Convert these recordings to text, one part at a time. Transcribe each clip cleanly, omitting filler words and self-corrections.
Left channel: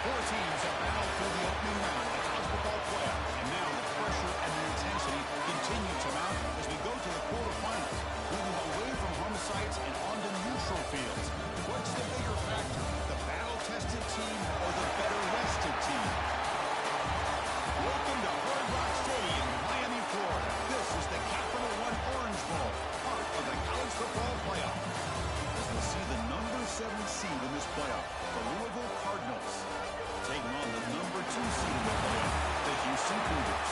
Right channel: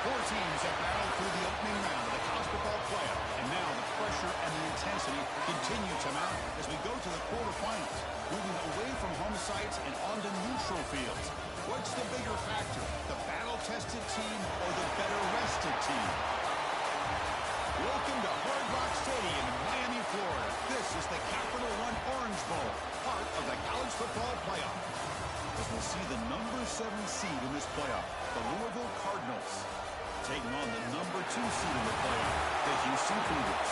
Four teams have battled through the opening round of the college football playoff, and now the pressure and the intensity continue to mount as we go to the quarterfinals, moving away from home sites and onto neutral fields. What's the bigger factor, the battle-tested team or the better-rested team? Welcome to Hard Rock Stadium in Miami, Florida. This is the Capital One Orange Bowl, part of the college football playoff. As we'll see the number 7 seed in this playoff, the Louisville Cardinals, taking on the number 2 seed in the playoff, the Houston Cougars.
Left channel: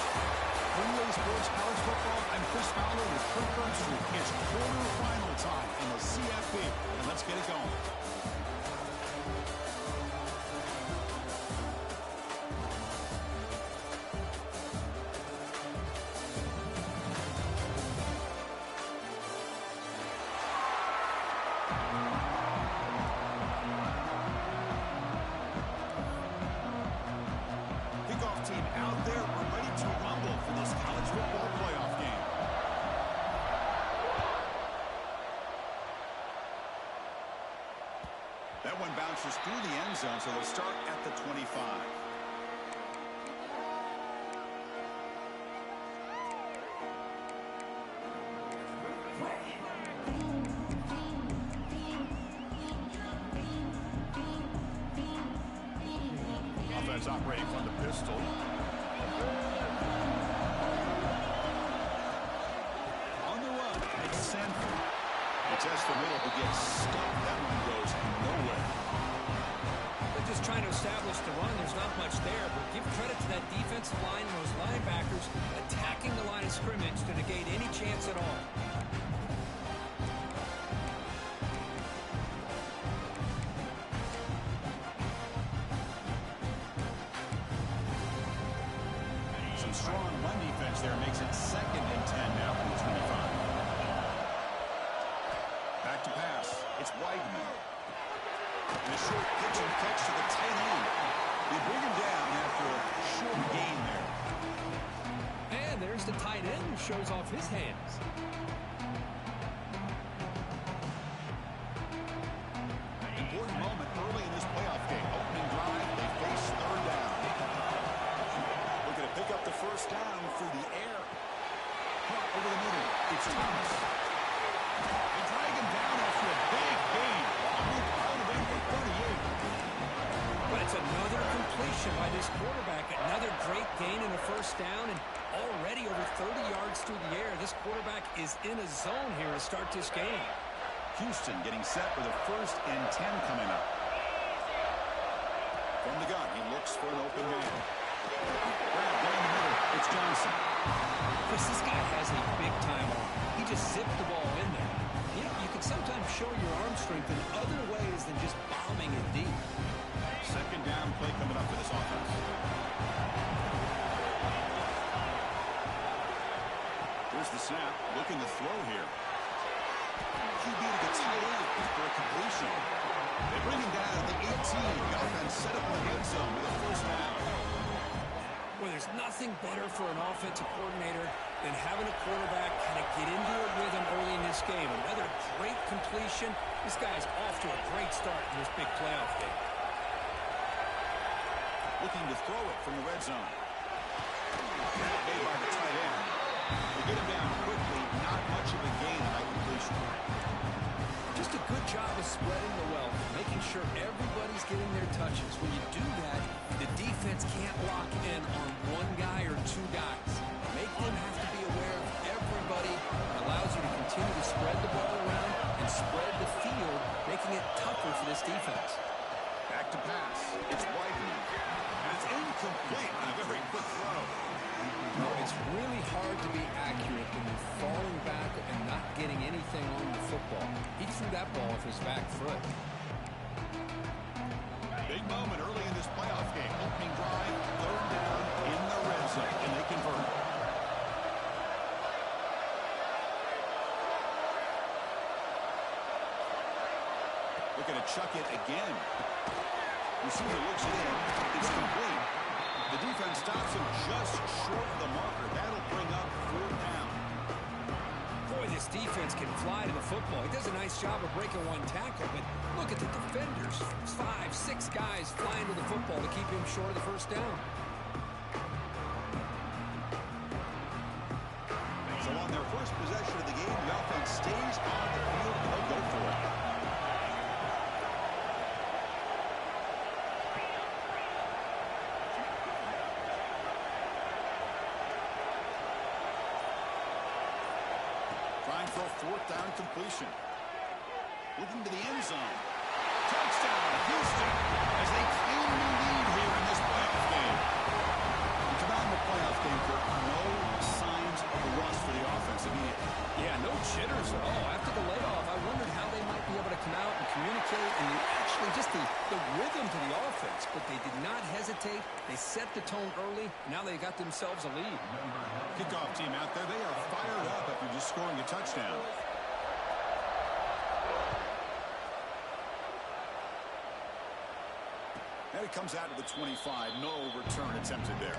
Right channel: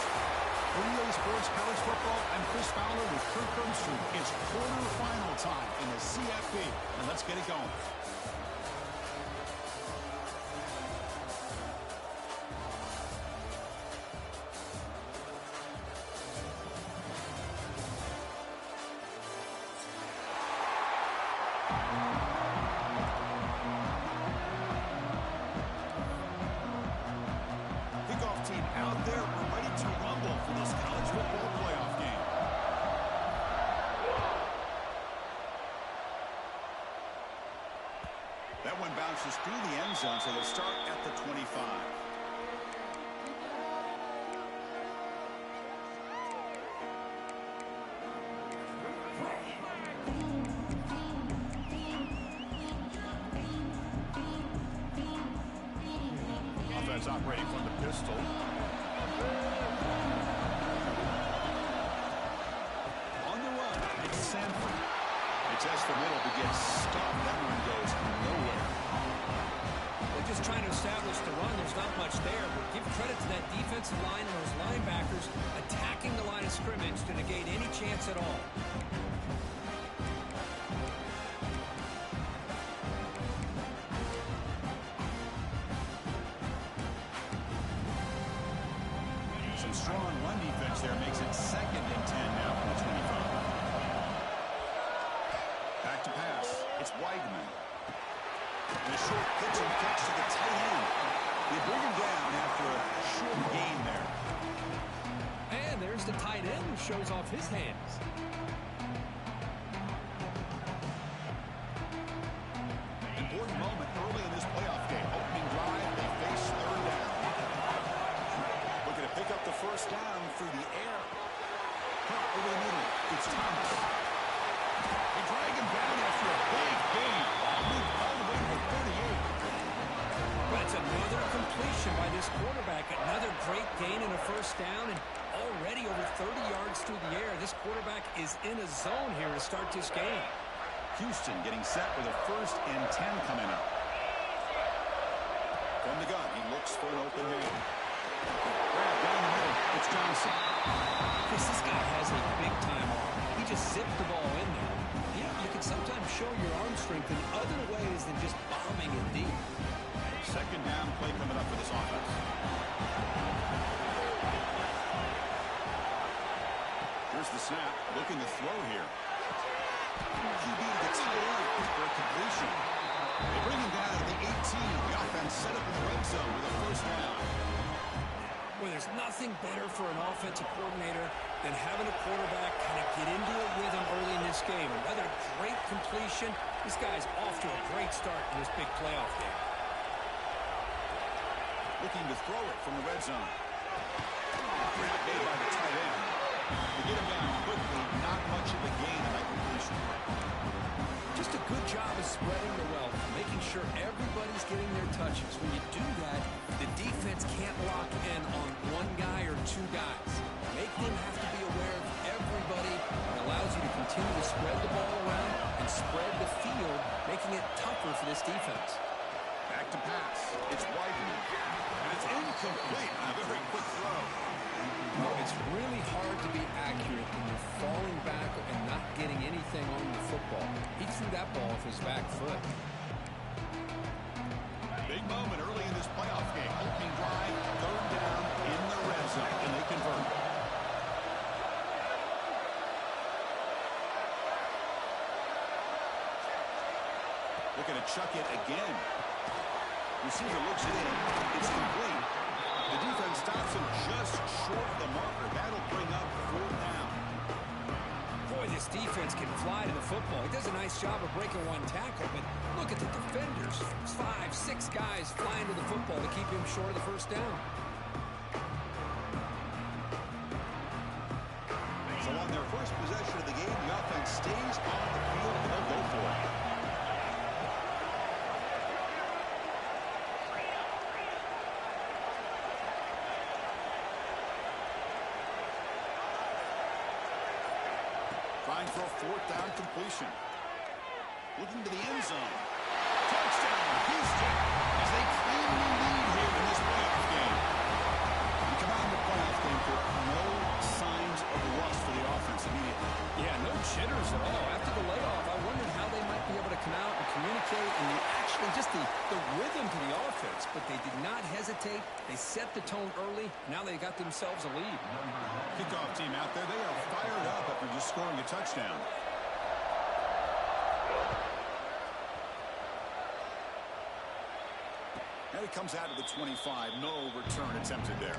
For EA Sports College Football, I'm Chris Fowler with Kirk Herbstreit. It's quarterfinal time in the CFP, and let's get it going. Team out there, we're ready to rumble for this college football playoff game. That one bounces through the end zone, so they'll start at the 25. Offense operating from the pistol. On the run, it's Sanford. They test the middle but get stopped. That run goes nowhere. They're just trying to establish the run. There's not much there, but give credit to that defensive line and those linebackers attacking the line of scrimmage to negate any chance at all. Some strong run defense there makes it 2nd and 10 now from the 25. Back to pass. It's Weidman. And a short pitch and catch to the tight end. They bring him down after a short gain there. And there's the tight end who shows off his hands. Important moment early in this playoff game. Opening drive, they face 3rd down. Looking to pick up the 1st down through the air. Caught over the middle. It's Thomas. They drag him down after a big gain. Ball moved all the way to the 38. But it's another completion by this quarterback. Another great gain in a 1st down, and already over 30 yards through the air. This quarterback is in a zone here to start this game. Houston getting set with a 1st and 10 coming up. From the gun, he looks for an open man. Grab down the middle. It's Johnson. Chris, this guy has a big-time arm. He just zipped the ball in there. You know, you can sometimes show your arm strength in other ways than just bombing it deep. 2nd down play coming up for this offense. Here's the snap. Looking to throw here. QB to the tight end for a completion. They bring him down at the 18. The offense set up in the red zone with a 1st down. Well, there's nothing better for an offensive coordinator than having a quarterback kind of get into a rhythm early in this game. Another great completion. This guy's off to a great start in this big playoff game. Looking to throw it from the red zone. Grab made by the tight end. They get him down quickly. Not much of a gain in that completion. Just a good job of spreading the wealth, making sure everybody's getting their touches. When you do that, the defense can't lock in on one guy or 2 guys. Make them have to be aware of everybody. It allows you to continue to spread the ball around and spread the field, making it tougher for this defense. Back to pass. It's Weidman. And it's incomplete on a very quick throw. Well, it's really hard to be accurate when you're falling back and not getting anything on the football. He threw that ball off his back foot. Big moment early in this playoff game. Opening drive, 3rd down in the red zone, and they convert. Looking to chuck it again. Receiver looks it in. It's complete. The defense stops him just short of the marker. That'll bring up 4th down. Boy, this defense can fly to the football. He does a nice job of breaking one tackle, but look at the defenders. 5, 6 guys flying to the football to keep him short of the first down. So on their first possession of the game, the offense stays on the field and they'll go for it. Trying for a 4th down completion. Looking to the end zone. Touchdown, Houston, as they cleanly lead here in this playoff game. We come out in the playoff game, Kirk, no signs of rust for the offense immediately. Yeah, no jitters at all. After the layoff, I wondered how they might be able to come out and communicate and actually just the rhythm to the offense. But they did not hesitate. They set the tone early. Now they got themselves a lead. Kickoff team out there, they are fired up after just scoring a touchdown. And it comes out to the 25. No return attempted there.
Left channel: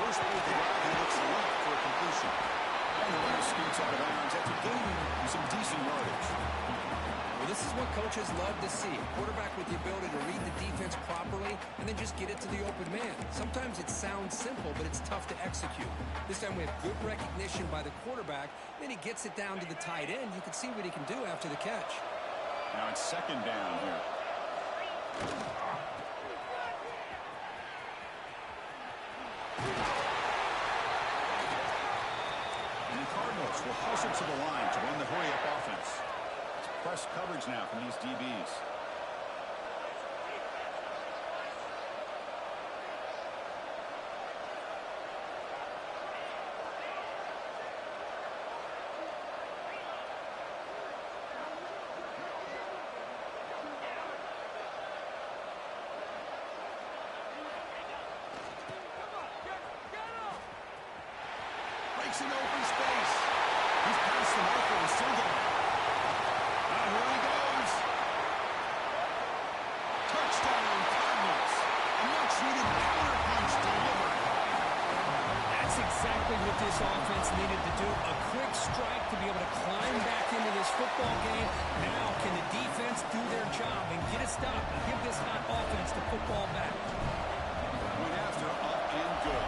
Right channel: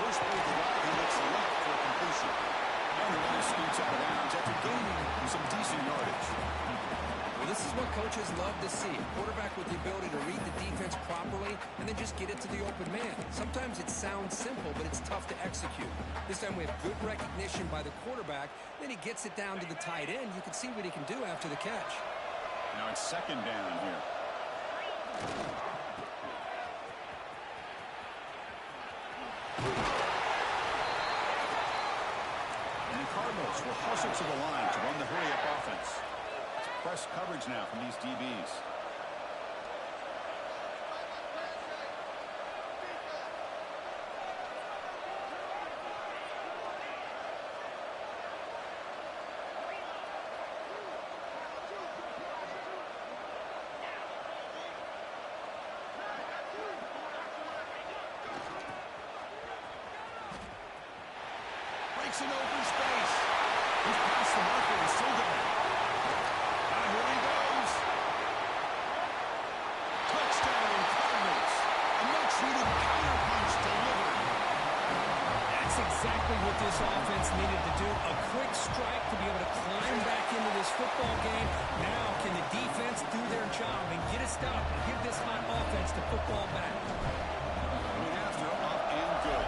First play of the drive, he looks left for a completion. And the runner scoots out of bounds after gaining some decent yardage. Well, this is what coaches love to see. A quarterback with the ability to read the defense properly and then just get it to the open man. Sometimes it sounds simple, but it's tough to execute. This time we have good recognition by the quarterback. Then he gets it down to the tight end. You can see what he can do after the catch. Now it's 2nd down here. And the Cardinals will hustle to the line to run the hurry-up offense. It's press coverage now from these DBs. Breaks an open space. He's past the marker and still going. Here he goes. Touchdown, Cardinals. A much-needed counterpunch delivered. That's exactly what this offense needed to do. A quick strike to be able to climb back into this football game. Now can the defense do their job and get a stop and give this hot offense the football back? Went after, up and good.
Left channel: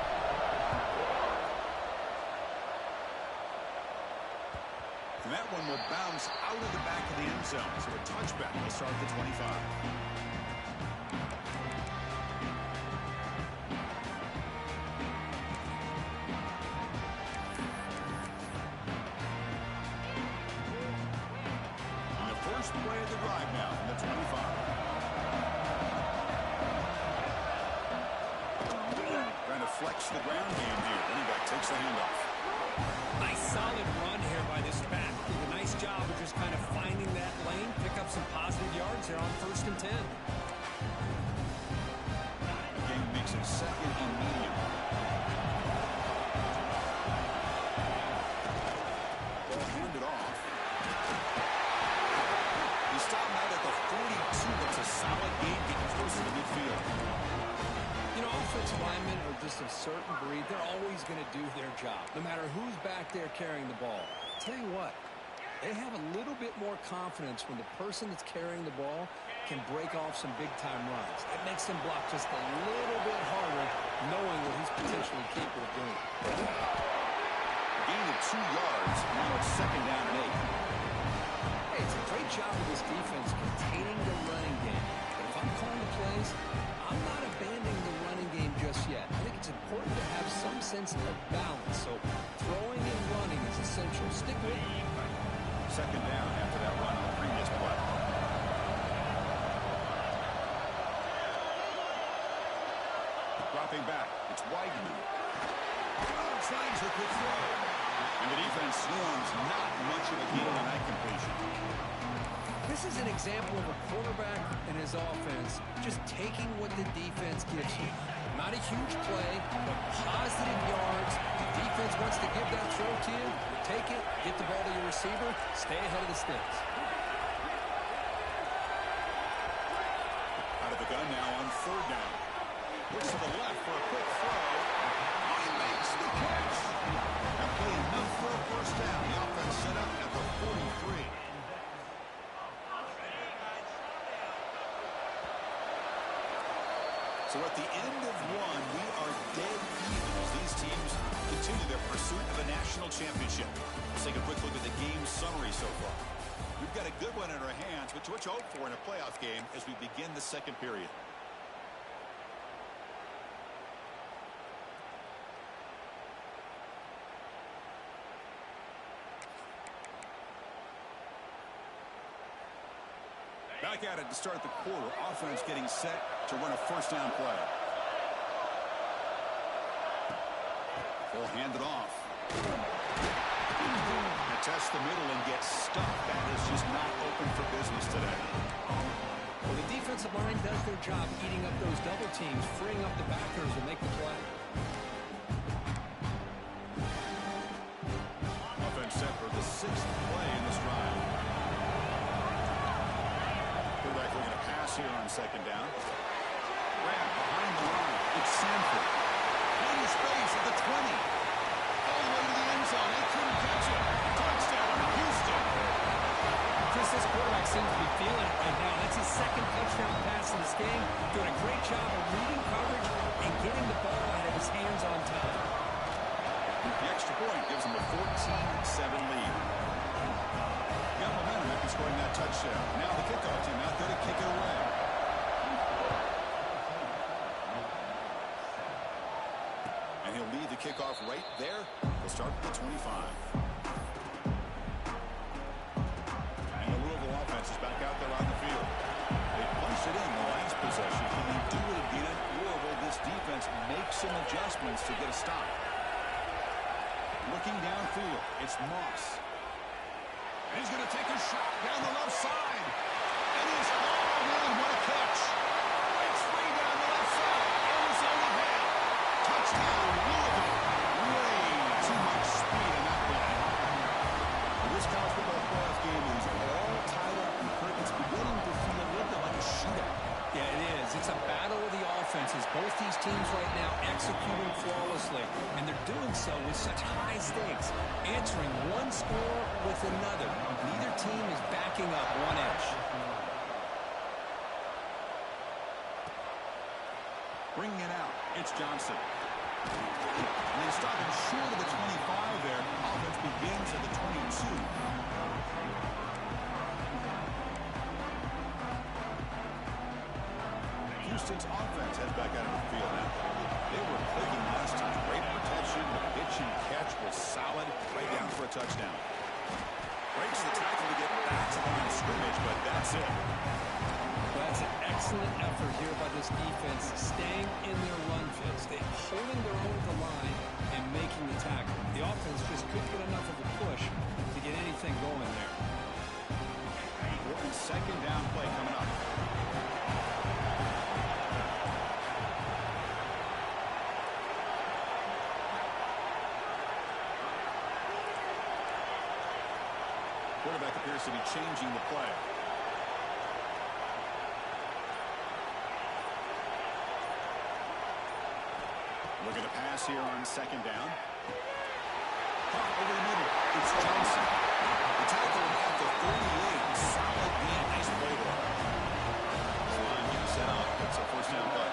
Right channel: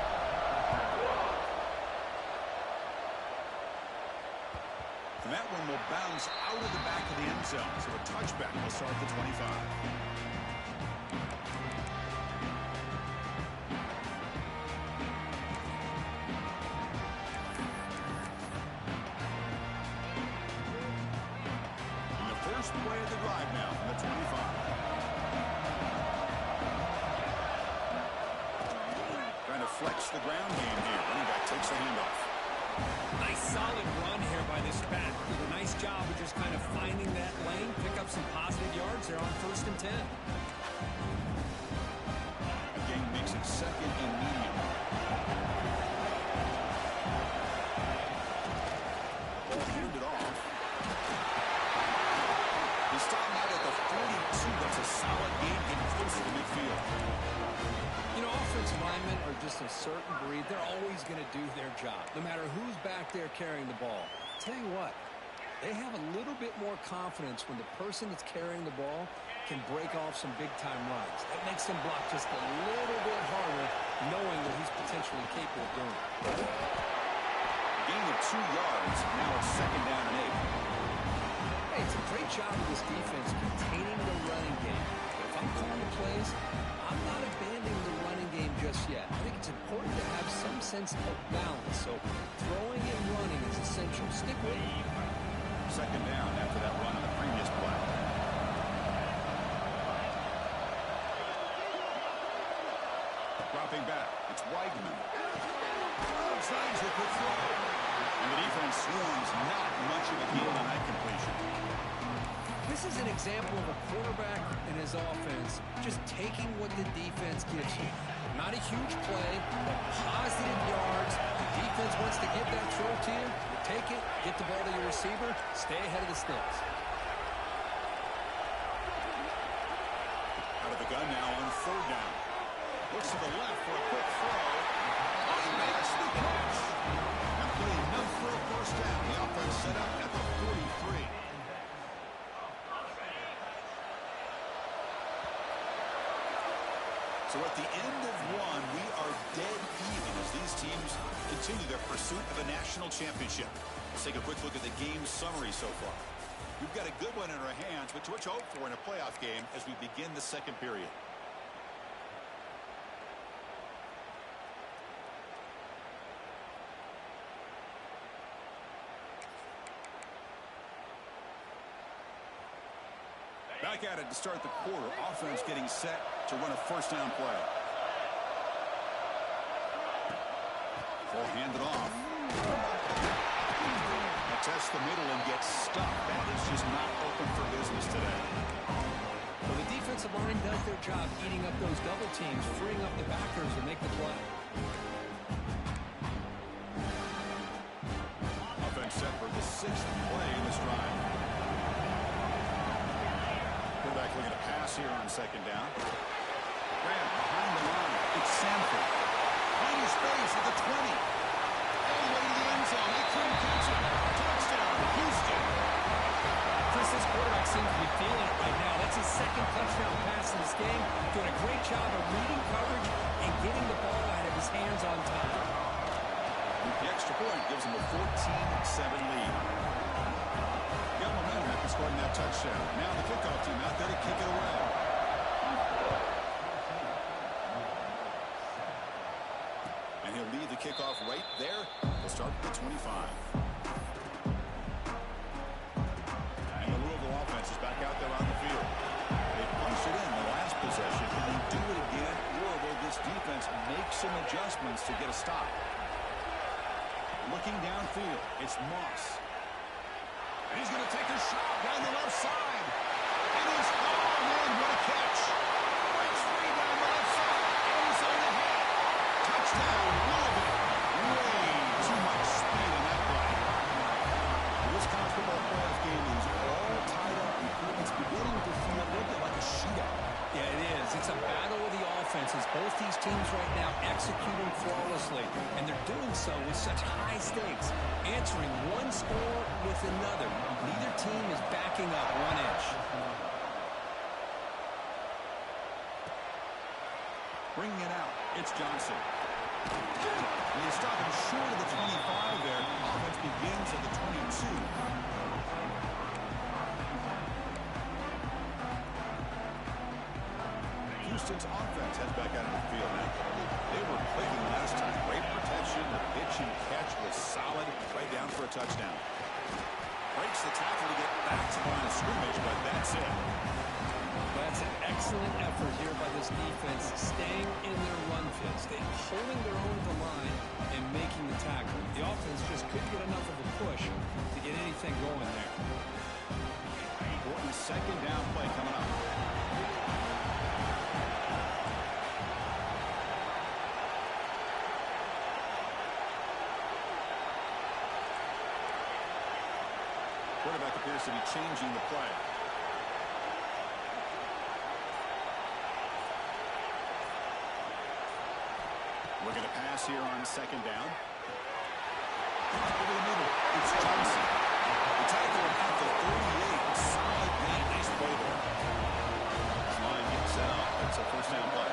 And that one will bounce out of the back of the end zone. So a touchback will start at the 25. And the first play of the drive now from the 25. Trying to flex the ground game here. Running back takes the handoff. Nice solid run here by this back. Did a nice job of just kind of finding that lane, pick up some positive yards there on 1st and 10. Again, makes it 2nd and medium. Ball handed off. He stopped out at the 42. That's a solid gain, getting closer to midfield. You know, offensive linemen are just a certain breed. They're always going to do their job, no matter who's back there carrying the ball. Tell you what, they have a little bit more confidence when the person that's carrying the ball can break off some big-time runs. That makes them block just a little bit harder, knowing what he's potentially capable of doing. Gain of 2 yards. Now it's 2nd down and 8. Hey, it's a great job of this defense containing the running game. But if I'm calling the plays, I'm not abandoning the running game just yet. I think it's important to have some sense of balance. So throwing and running is essential. Stick with it. 2nd down after that run on the previous play. Dropping back. It's Weidman. Outside a quick throw. And the defense swarms not much of a gain on that completion. This This is an example of a quarterback and his offense just taking what the defense gives you. Not a huge play, but positive yards. The defense wants to give that throw to you. You take it, get the ball to your receiver, stay ahead of the sticks. Out of the gun now on third down. Looks to the left for a quick throw. Oh, he makes the catch. That play enough for a first down. The offense set up at the 43. So at the end of one, we are dead even as these teams continue their pursuit of a national championship. Let's take a quick look at the game summary so far. We've got a good one in our hands, but to what you hope for in a playoff game as we begin the second period. Back at it to start the quarter. Offense getting set to run a first down play. Full handed off. Attests the middle and gets stuck. That is just not open for business today. Well, the defensive line does their job eating up those double teams, freeing up the backers to make the play. Offense set for the 6th play in this drive. Quarterback looking to pass here on second down. Grab behind the line. It's Sanford. Plenty space at the 20. All the way to the end zone. They couldn't catch him. Touchdown, Houston. Chris, this quarterback seems to be feeling it right now. That's his second touchdown pass in this game. Doing a great job of reading coverage and getting the ball out of his hands on time. The extra point gives him a 14-7 lead. Got momentum after scoring that touchdown. Now the kickoff team out there to kick it away. And he'll lead the kickoff right there. He'll start with the 25. And the Louisville offense is back out there on the field. They punched it in the last possession. Can they do it again? Louisville, this defense makes some adjustments to get a stop. Looking downfield, it's Moss. And he's going to take a shot down the left side. And he's, oh man, what a catch. Breaks free down the left side. End zone ahead. Touchdown, Louisville. Way too much speed in that play. This college football playoff game is all tied up. And Kirk, it's beginning to feel a little bit like a shootout. Yeah, it is. It's a battle of the offenses. Both these teams right now executing flawlessly, and they're doing so with such high stakes, answering one score with another. Neither team is backing up one inch. Bringing it out, it's Johnson. And they stop him short of the 25 there. Offense begins at the 22. Houston's offense heads back out of the field now. They were clicking last time. Great protection. The pitch and catch was solid. Right down for a touchdown. Breaks the tackle to get back to the line of scrimmage, but that's it. Well, that's an excellent effort here by this defense, staying in their run fits. They're holding their own at the line and making the tackle. The offense just couldn't get enough of a push to get anything going there. Important second down play coming up. Quarterback appears to be changing the play. Looking to pass here on second down. Over the middle, it's Johnson. The tackle at the 38. Solid gain. Nice play there. This line getting set up. It's a first down play.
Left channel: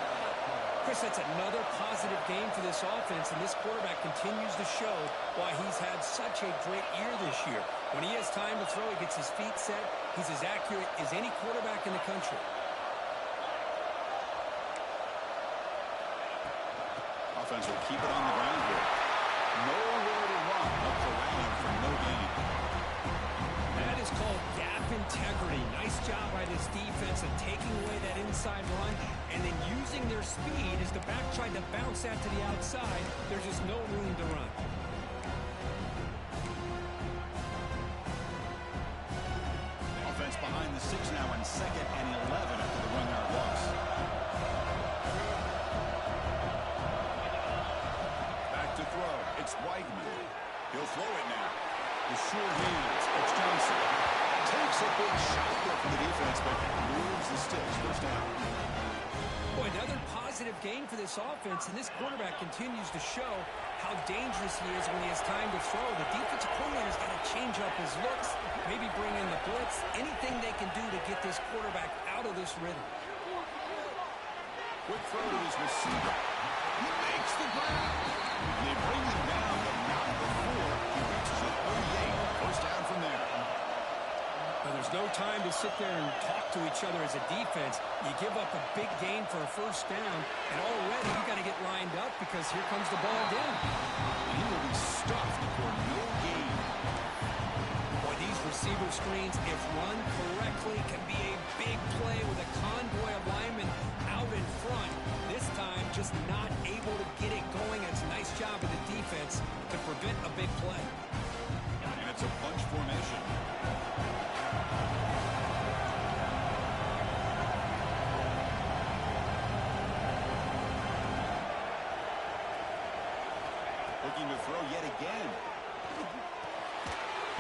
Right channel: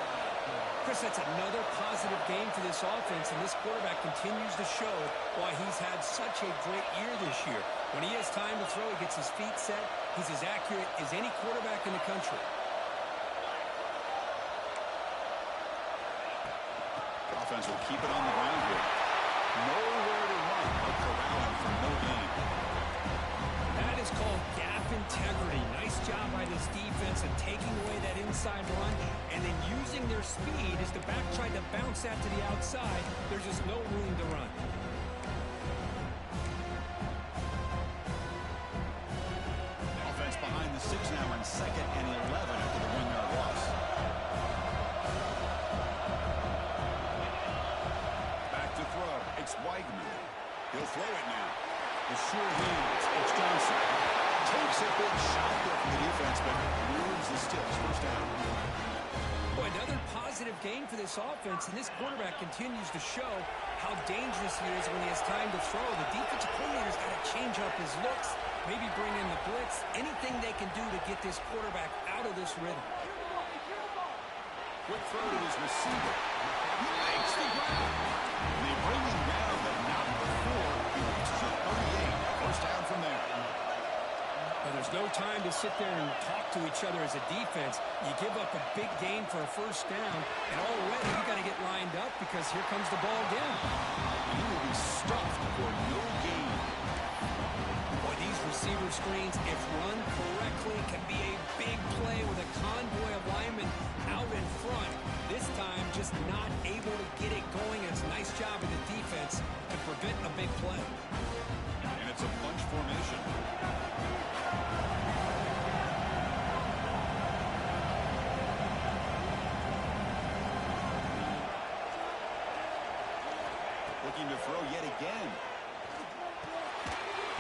Chris, that's another positive game for this offense, and this quarterback continues to show why he's had such a great year this year. When he has time to throw, he gets his feet set. He's as accurate as any quarterback in the country. Offense will keep it on the ground here. Nowhere to run. They'll corral him for no gain. That is called gap integrity. Nice job by this defense of taking away that inside run and then using their speed as the back tried to bounce that to the outside. There's just no room to run. Offense behind the and 6 now in 2nd and 11 after the 1-yard loss. Back to throw. It's Weigman. He'll throw it now. The sure hands. It's Johnson. Takes a big shot there from the defense, but moves the sticks. First down. Boy, another positive game for this offense, and this quarterback continues to show how dangerous he is when he has time to throw. The defensive coordinator's got to change up his looks, maybe bring in the blitz, anything they can do to get this quarterback out of this rhythm. Quick throw to his receiver. He makes the grab. And they bring him down, but not before he reaches a 38. First down from there. But there's no time to sit there and talk to each other as a defense. You give up a big gain for a first down, and already you got to get lined up because here comes the ball again. He will be stuffed for no gain. Boy, these receiver screens, if run correctly, can be a big play with a convoy of linemen out in front. This time, just not able to get it going. It's a nice job of the defense to prevent a big play. And it's a bunch formation. Looking to throw yet again.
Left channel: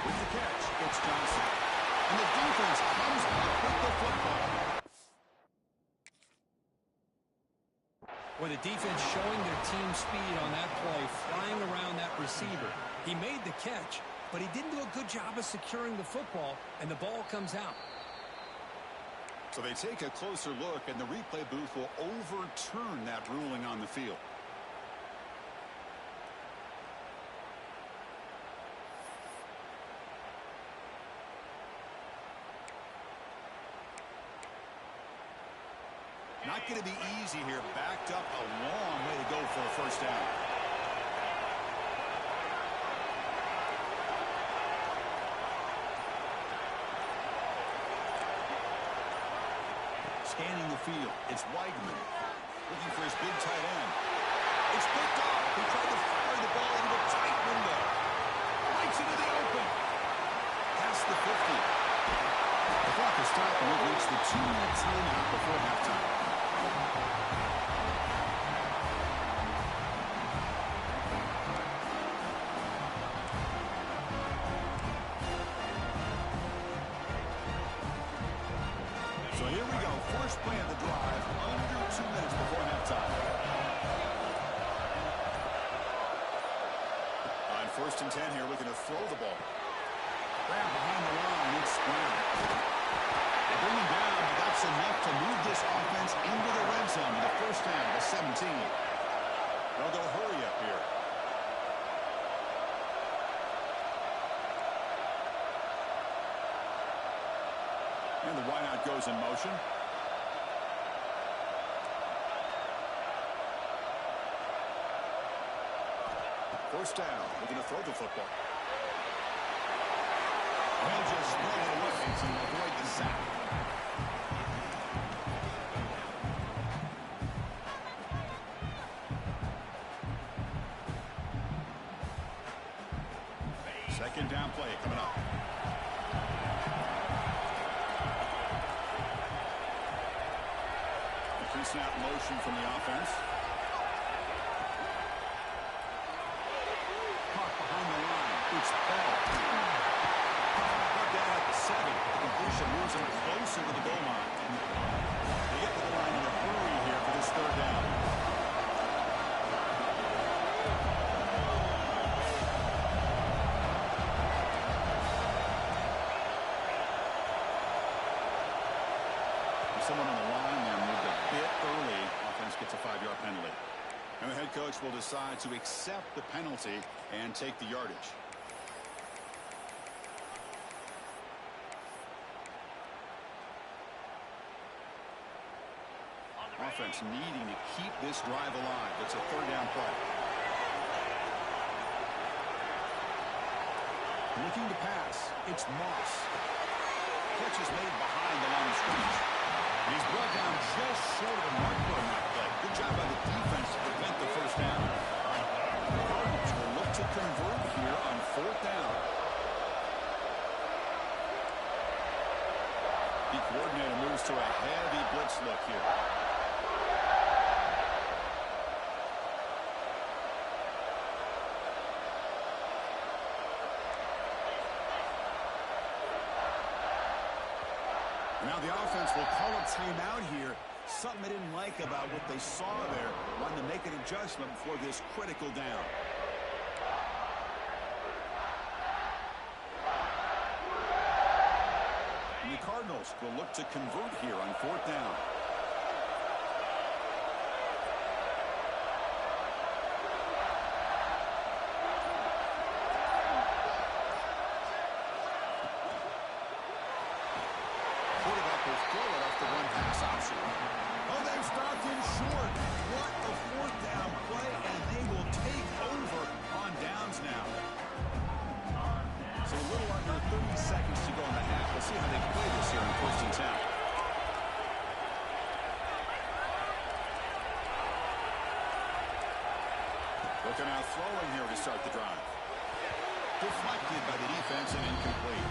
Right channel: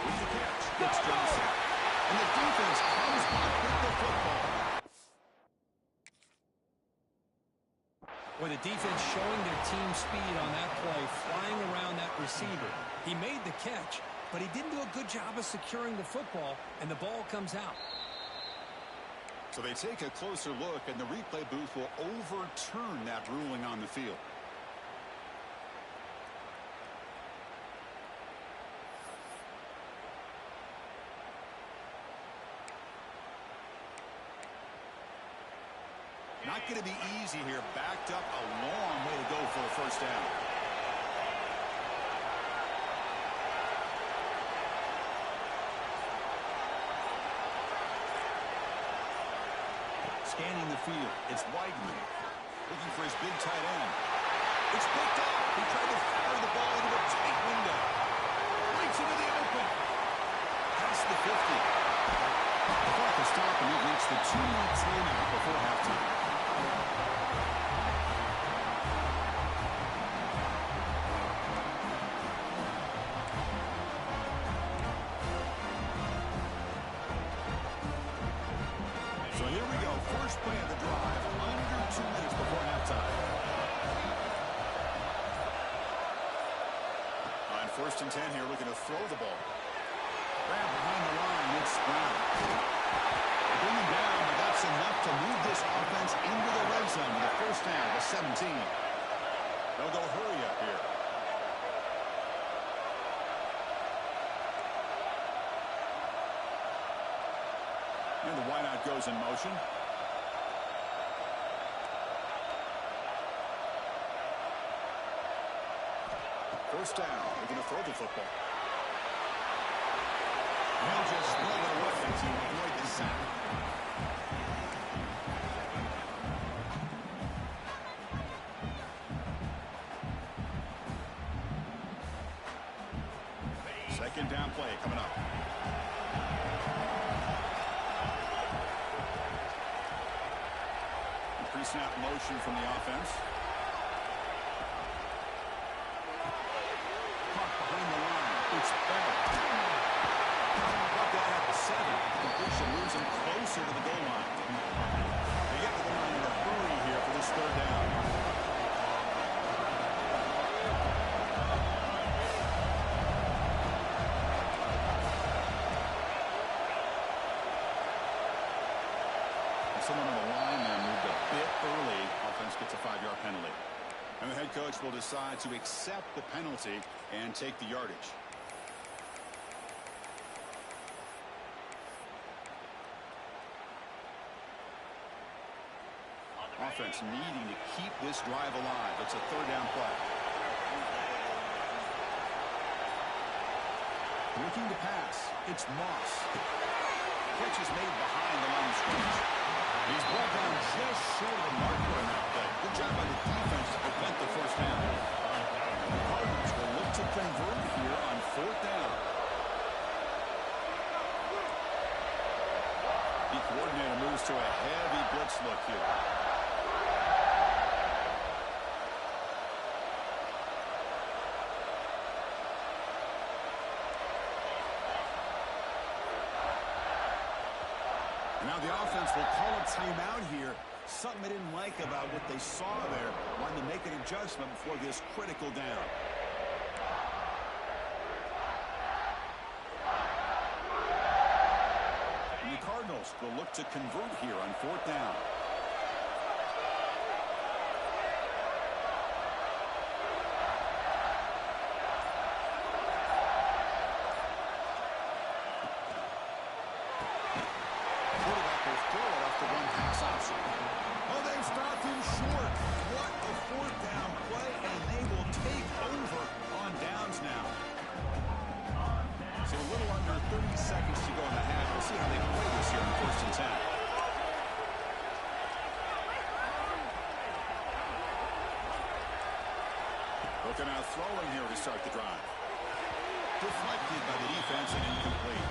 With the catch, it's Johnson. And the defense comes up with the football. Well, the defense showing their team speed on that play, flying around that receiver. He made the catch, but he didn't do a good job of securing the football, and the ball comes out. So they take a closer look, and the replay booth will overturn that ruling on the field. Not going to be easy here. Backed up a long way to go for a first down. Scanning the field. It's Weigman. Looking for his big tight end. It's picked off. He tried to fire the ball into a tight window. Lights into the open. Past the 50. The clock is stopped, and we've reached the 2-minute timeout before halftime. So here we go. First play of the drive, under 2 minutes before halftime. On 1st and 10 here, looking to throw the ball. Grab behind the line. It's Brown. They bring him down, but that's enough to move this offense into the red zone with a first down to 17. They'll go hurry up here. And the wideout goes in motion. First down. They're going to throw the football. They'll just throw it away to avoid the sack. Second down play coming up. Pre-snap motion from the offense. Caught behind the line. It's Bell. Got that at the 7. The completion moves him closer to the goal line. They get to the line in a hurry here for this third down. Someone on the line there moved a bit early. Offense gets a 5-yard penalty. And the head coach will decide to accept the penalty and take the yardage. Offense needing to keep this drive alive. It's a third down play. Looking to pass. It's Moss. Catch is made behind the line of scrimmage. He's brought down just short of the marker on that play. Good job by the defense to prevent the first down. The Cardinals will look to convert here on 4th down. The coordinator moves to a heavy blitz look here. Now the offense will call a timeout here. Something they didn't like about what they saw there. Wanting to make an adjustment before this critical down. And the Cardinals will look to convert here on 4th down. Quarterback will throw it off the one-pass option. Oh, they've stopped him short. What a 4th down play, and they will take over on downs now. So a little under 30 seconds to go in the half. We'll see how they play this here in 1st and 10. Looking out throwing here to start the drive. Deflected by the defense and incomplete.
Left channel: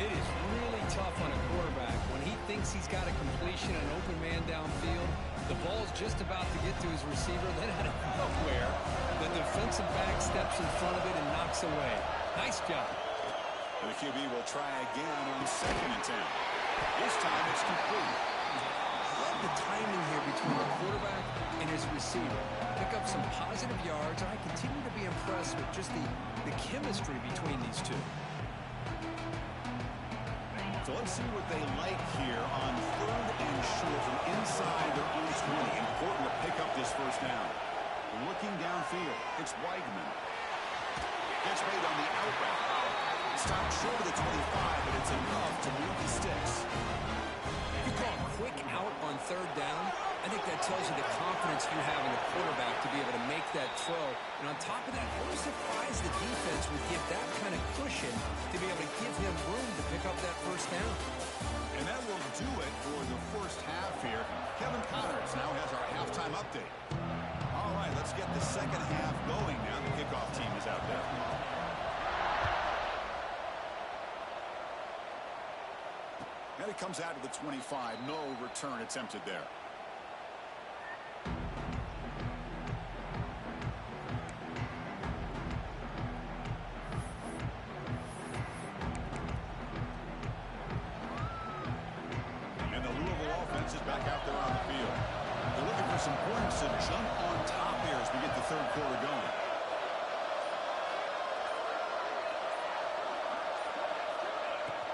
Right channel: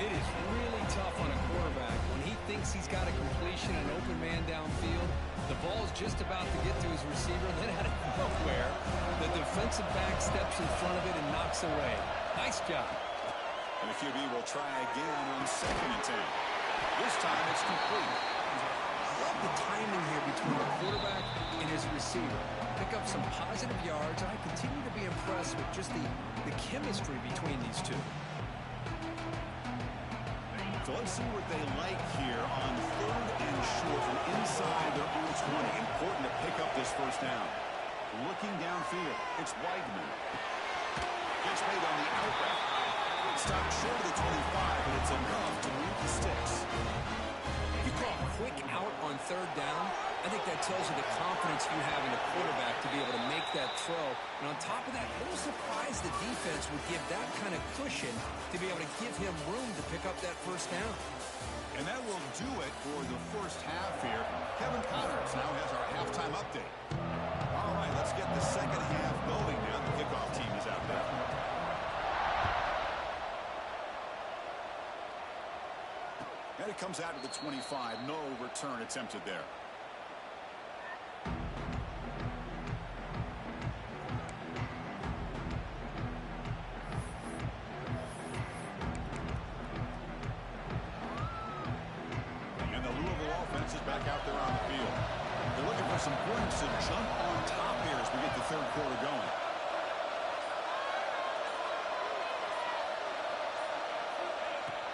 It is really tough on a quarterback when he thinks he's got a completion, an open man downfield. The ball's just about to get to his receiver. Then out of nowhere, the defensive back steps in front of it and knocks away. Nice job. And the QB will try again on 2nd and 10. This time it's complete. Love the timing here between the quarterback and his receiver. Pick up some positive yards, and I continue to be impressed with just the chemistry between these two. So let's see what they like here on 3rd and short from inside their own 20. Important to pick up this 1st down. Looking downfield, it's Weidman. Gets made on the out route. Stopped short of the 25, but it's enough to move the sticks. You call a quick out on 3rd down. I think that tells you the confidence you have in the quarterback to be able to make that throw. And on top of that, a little surprised the defense would give that kind of cushion to be able to give him room to pick up that 1st down. And that will do it for the 1st half here. Kevin Connors now has our halftime update. All right, let's get the 2nd half going now. The kickoff team is out there. And it comes out to the 25. No return attempted there. And the Louisville offense is back out there on the field. They're looking for some points to jump on top here as we get the 3rd quarter going.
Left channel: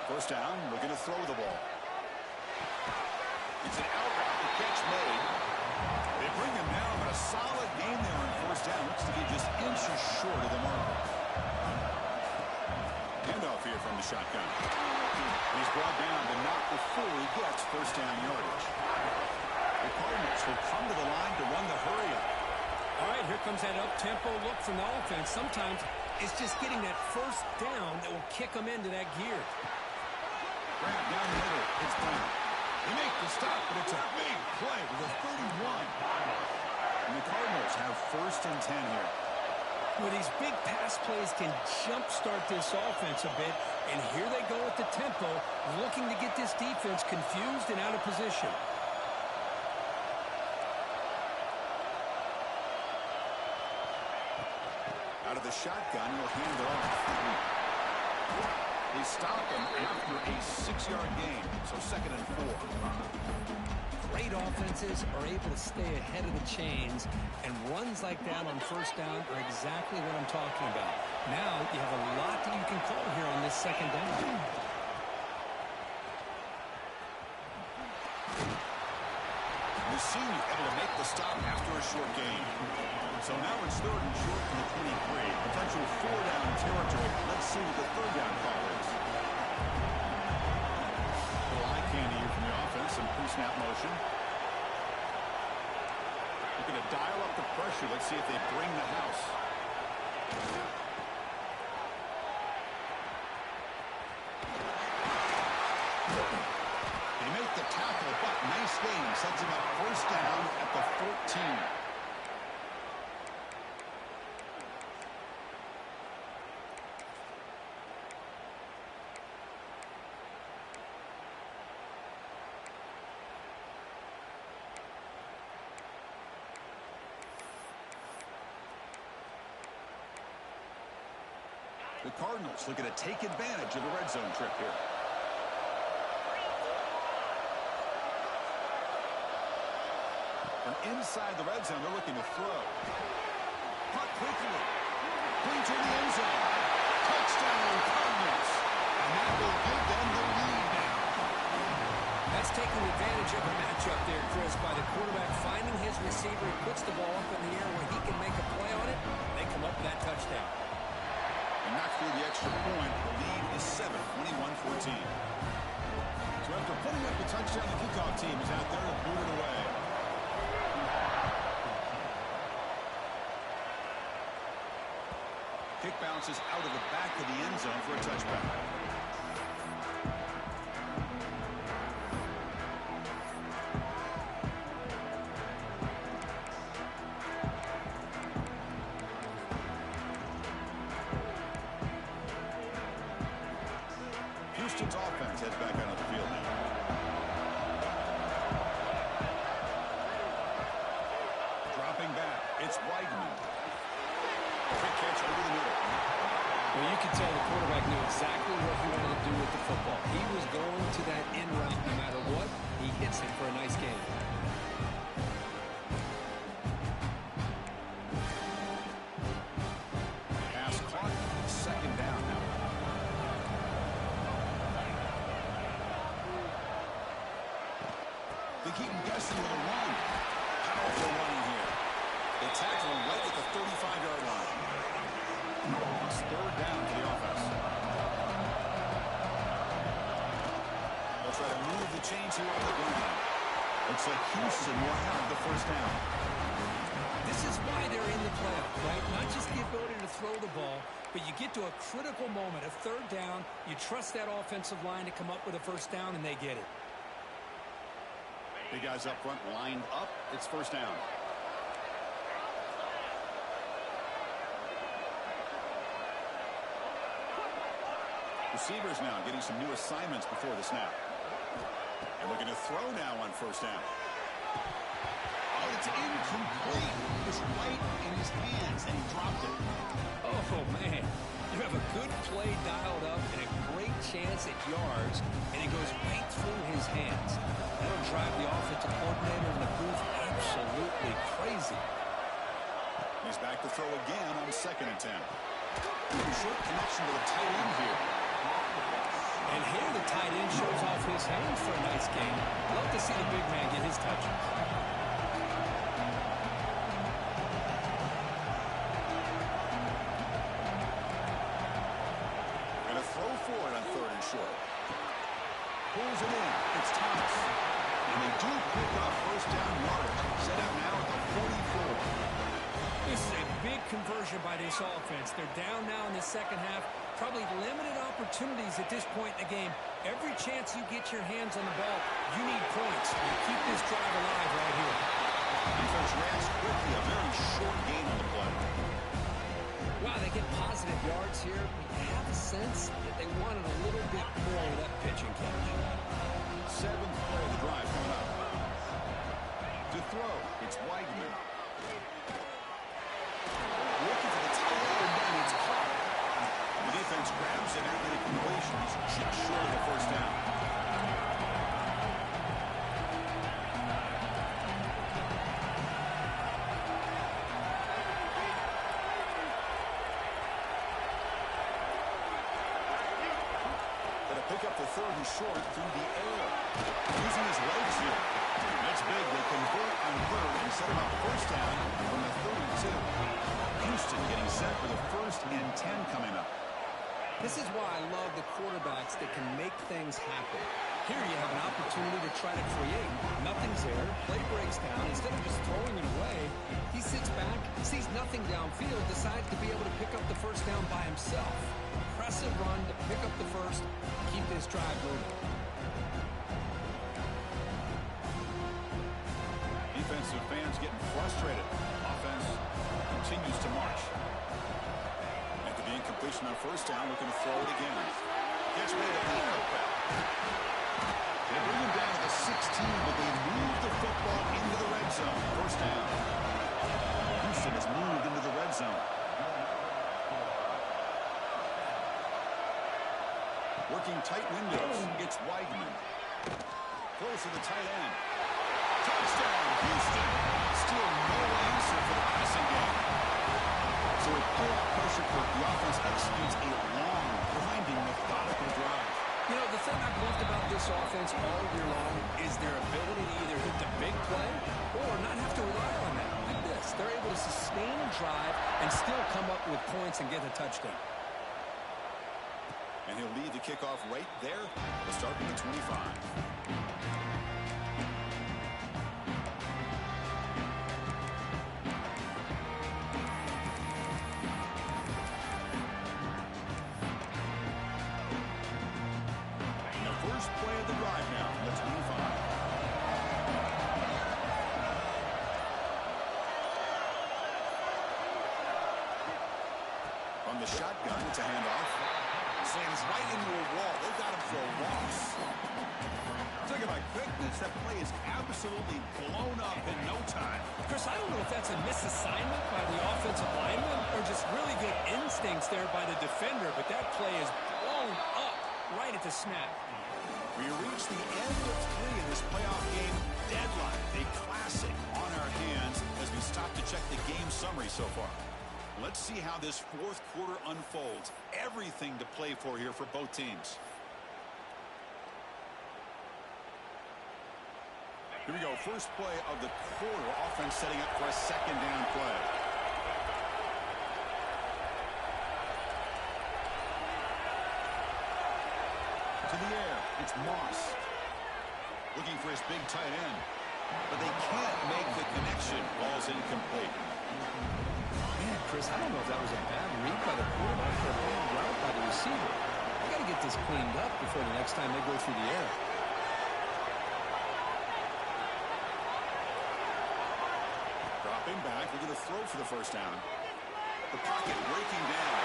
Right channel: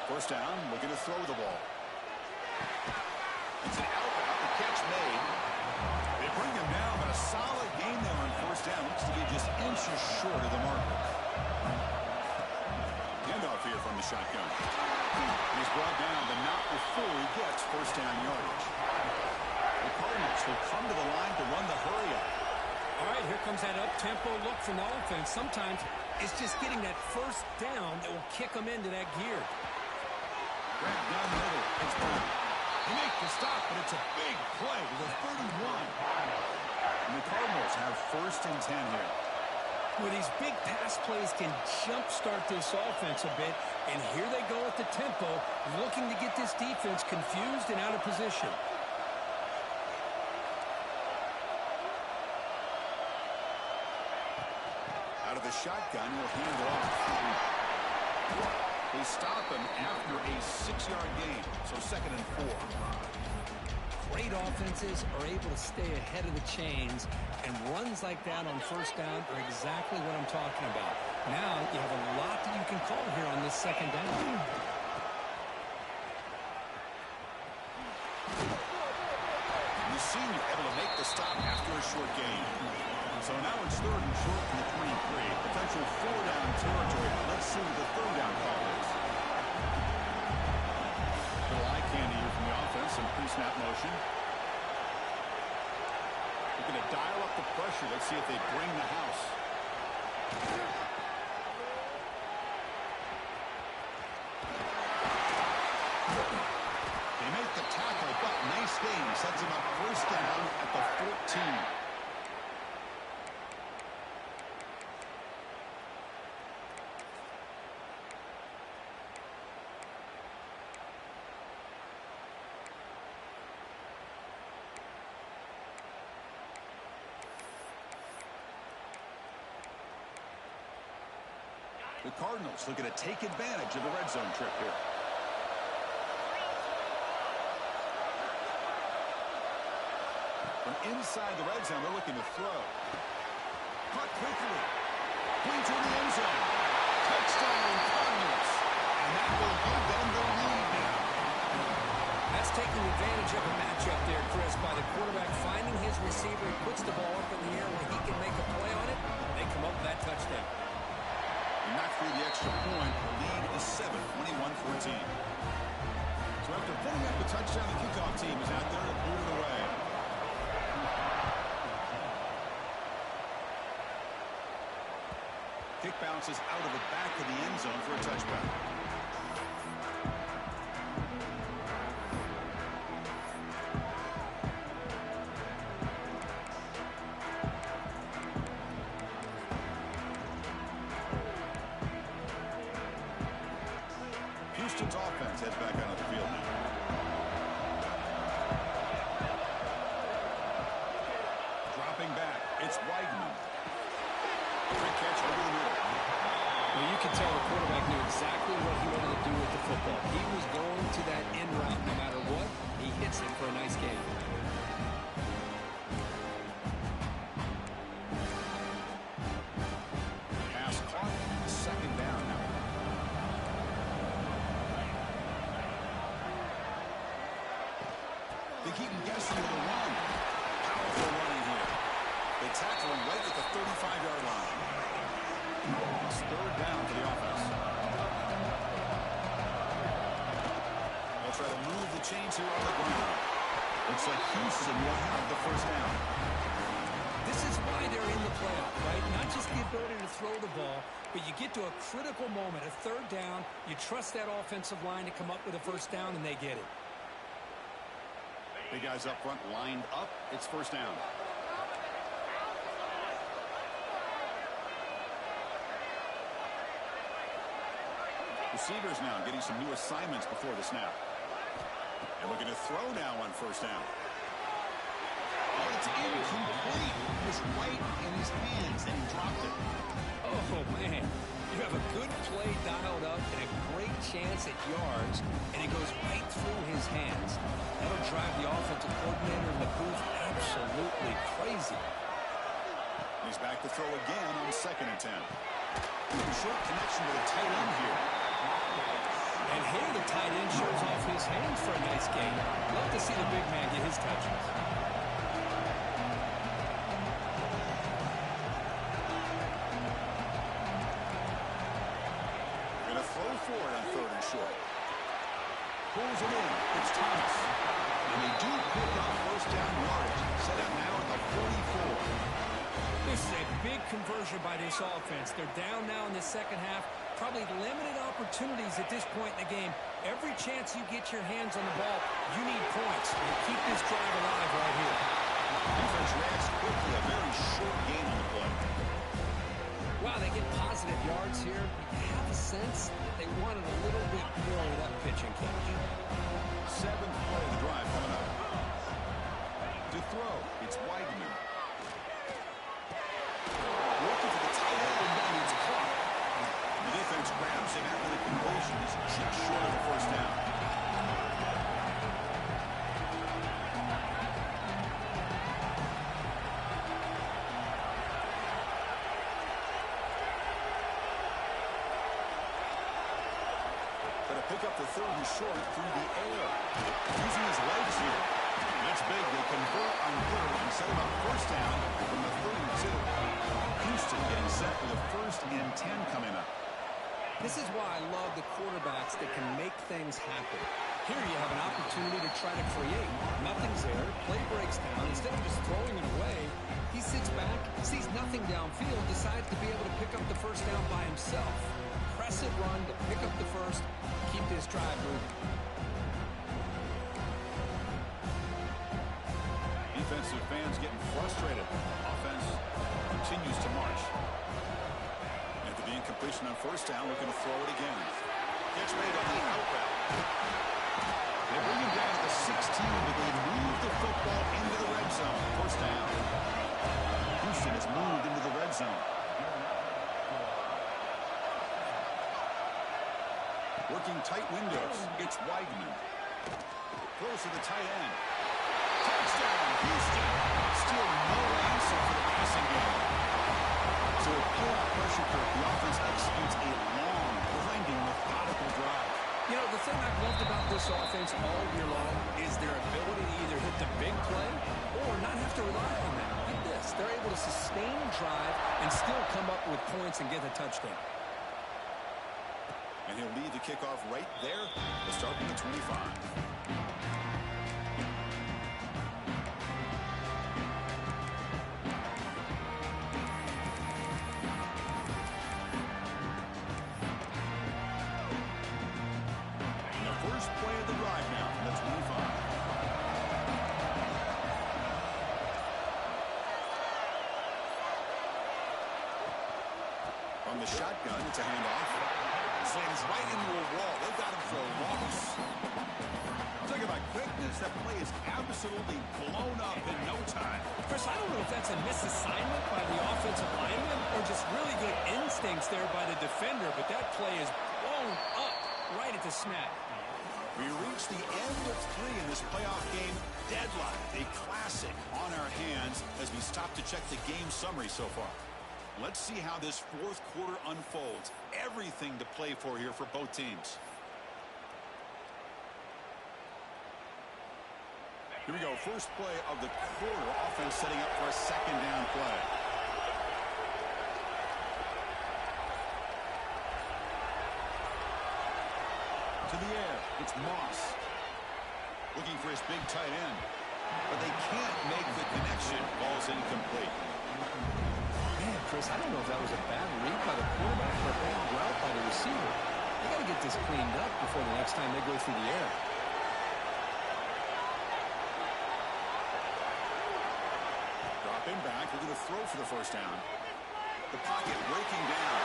First down, looking to throw the ball. It's an out route, the catch made. They bring him down, but a solid gain there on 1st down. Looks to be just inches short of the marker. Handoff here from the shotgun. He's brought down, but not before he gets 1st down yardage. The Cardinals will come to the line to run the hurry up. All right, here comes that up-tempo look from the offense. Sometimes it's just getting that 1st down that will kick them into that gear. Grab down the middle. It's Brown. They make the stop, but it's a big play with a 31. And the Cardinals have 1st and 10 here. Well, these big pass plays can jumpstart this offense a bit, and here they go at the tempo, looking to get this defense confused and out of position. Out of the shotgun, he'll hand it off. They stop him after a 6-yard gain, so 2nd and 4. Great offenses are able to stay ahead of the chains, and runs like that on 1st down are exactly what I'm talking about. Now you have a lot that you can call here on this 2nd down. The senior able to make the stop after a short gain. So now it's 3rd and short from the 23. Potential 4-down territory. Let's see what the 3rd down call is. Little eye candy here from the offense. Some pre-snap motion. Looking to dial up the pressure. Let's see if they bring the house. They make the tackle, but nice gain. Sets him up 1st down at the 14. The Cardinals looking to take advantage of the red zone trip here. From inside the red zone, they're looking to throw. Caught quickly. Clean to the end zone. Touchdown, Cardinals. And that will give them the lead now. That's taking advantage of a matchup there, Chris, by the quarterback finding his receiver. He puts the ball up in the air where he can make a play on it. They come up with that touchdown. And knock through the extra point. The lead is 7, 21-14. So after putting up a touchdown, the kickoff team is out there to boot it away. Kick bounces out of the back of the end zone for a touchback. Houston's offense heads back out of the field now. Dropping back, it's Weidman. Quick catch over the middle. Well, you can tell the quarterback knew exactly what he wanted to do with the football. He was going to that end route no matter what. He hits it for a nice gain. Pass caught. Second down now. They keep him guessing with a run. Powerful running here. They tackle him right at the 35-yard line. It's third down for the offense. They'll try to move the chains here on the ground. Looks like Houston will have the first down. This is why they're in the playoff, right? Not just the ability to throw the ball, but you get to a critical moment, a third down. You trust that offensive line to come up with a first down, and they get it. Big guys up front lined up. It's first down. Receivers now getting some new assignments before the snap. And looking to throw now on first down. Oh, it's incomplete. It was right in his hands, and he dropped it. Oh, man. You have a good play dialed up and a great chance at yards, and it goes right through his hands. That'll drive the offensive coordinator in the booth absolutely crazy. He's back to throw again on 2nd and 10. Short connection to the tight end here. And here the tight end shows off his hands for a nice gain. Love to see the big man get his touches. Going to throw for it on 3rd and short. Pulls it in. It's Thomas. And they do pick up first down yardage. Set up now at the 44. This is a big conversion by this offense. They're down now in the second half. Probably limited opportunities at this point in the game. Every chance you get your hands on the ball, you need points. You keep this drive alive right here. Defense reacts quickly. A very short gain on the play. Wow, they get positive yards here. But you have a sense that they wanted a little bit more of that pitch and catch. 7th play of the drive coming up. To throw, it's Weidman. Looking for the tight end, and it's caught. The defense grabs him after the completion. He's just short of the first down. Going to pick up the 3rd and short through the air. Using his legs here. That's big. They convert on 3rd and set him up first down from the 32. Houston getting set for the 1st and 10 coming up. This is why I love the quarterbacks that can make things happen. Here you have an opportunity to try to create. Nothing's there. Play breaks down. Instead of just throwing it away, he sits back, sees nothing downfield, decides to be able to pick up the first down by himself. Impressive run to pick up the first, keep this drive moving. Defensive fans getting frustrated. Offense continues to march. After the incompletion on first down, looking to throw it again. Catch made on the out route. They bring him down to the 16, but they move the football into the red zone. First down. Houston has moved into the red zone. Working tight windows. It's Weidman. Close to the tight end. Touchdown, Houston. Still no answer for the passing game. So with playoff pressure, Kirk, the offense executes a long, grinding, methodical drive. You know, the thing I've loved about this offense all year long is their ability to either hit the big play or not have to rely on that. Like this, they're able to sustain a drive and still come up with points and get a touchdown. And he'll lead the kickoff right there. We'll start from the 25. First play of the drive now from the 25. From the shotgun, it's a handoff. Slams right into a wall. They've got him for a loss. Talk about quickness. That play is absolutely blown up in no time. Chris, I don't know if that's a misassignment by the offensive lineman or just really good instincts there by the defender, but that play is blown up right at the snap. We reach the end of 3 in this playoff game. Deadline, a classic on our hands as we stop to check the game summary so far. Let's see how this fourth quarter unfolds. Everything to play for here for both teams. Here we go. First play of the quarter. Offense setting up for a second down play. To the air, it's Moss. Looking for his big tight end. But they can't make the connection. Ball's incomplete. Man, Chris, I don't know if that was a bad read by the quarterback or a bad route by the receiver. They got to get this cleaned up before the next time they go through the air. Dropping back, looking to throw for the first down. The pocket breaking down.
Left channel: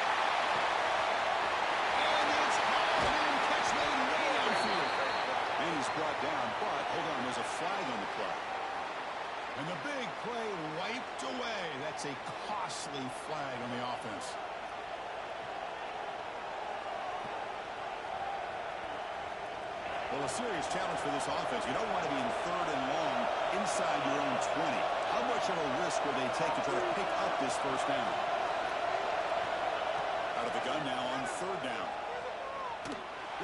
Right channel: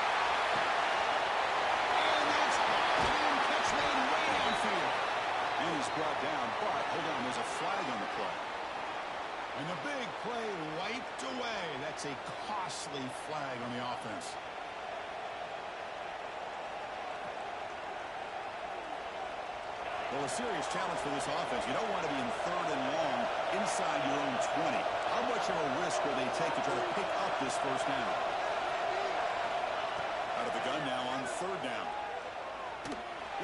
And it's hauled in. Catch made way downfield. And he's brought down, but hold on, there's a flag on the play. And the big play wiped away. That's a costly flag on the offense. Well, a serious challenge for this offense. You don't want to be in 3rd and long inside your own 20. How much of a risk will they take to try to pick up this first down? Out of the gun now on 3rd down.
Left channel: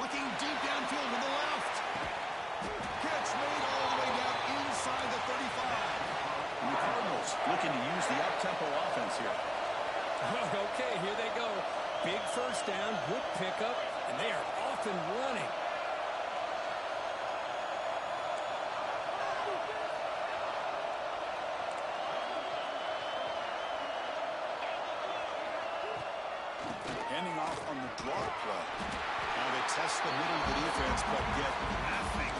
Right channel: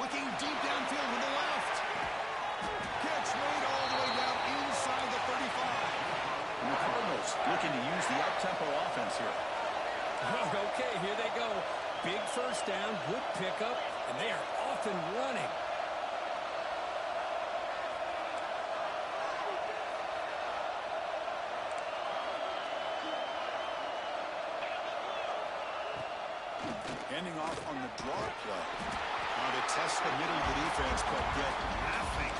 Looking deep downfield to the left. Catch made all the way down inside the 35. And the Cardinals looking to use the up-tempo offense here. Okay, here they go. Big first down, good pickup, and they are off and running. Handing off on the draw play. Now to test the middle of the defense, but get nothing.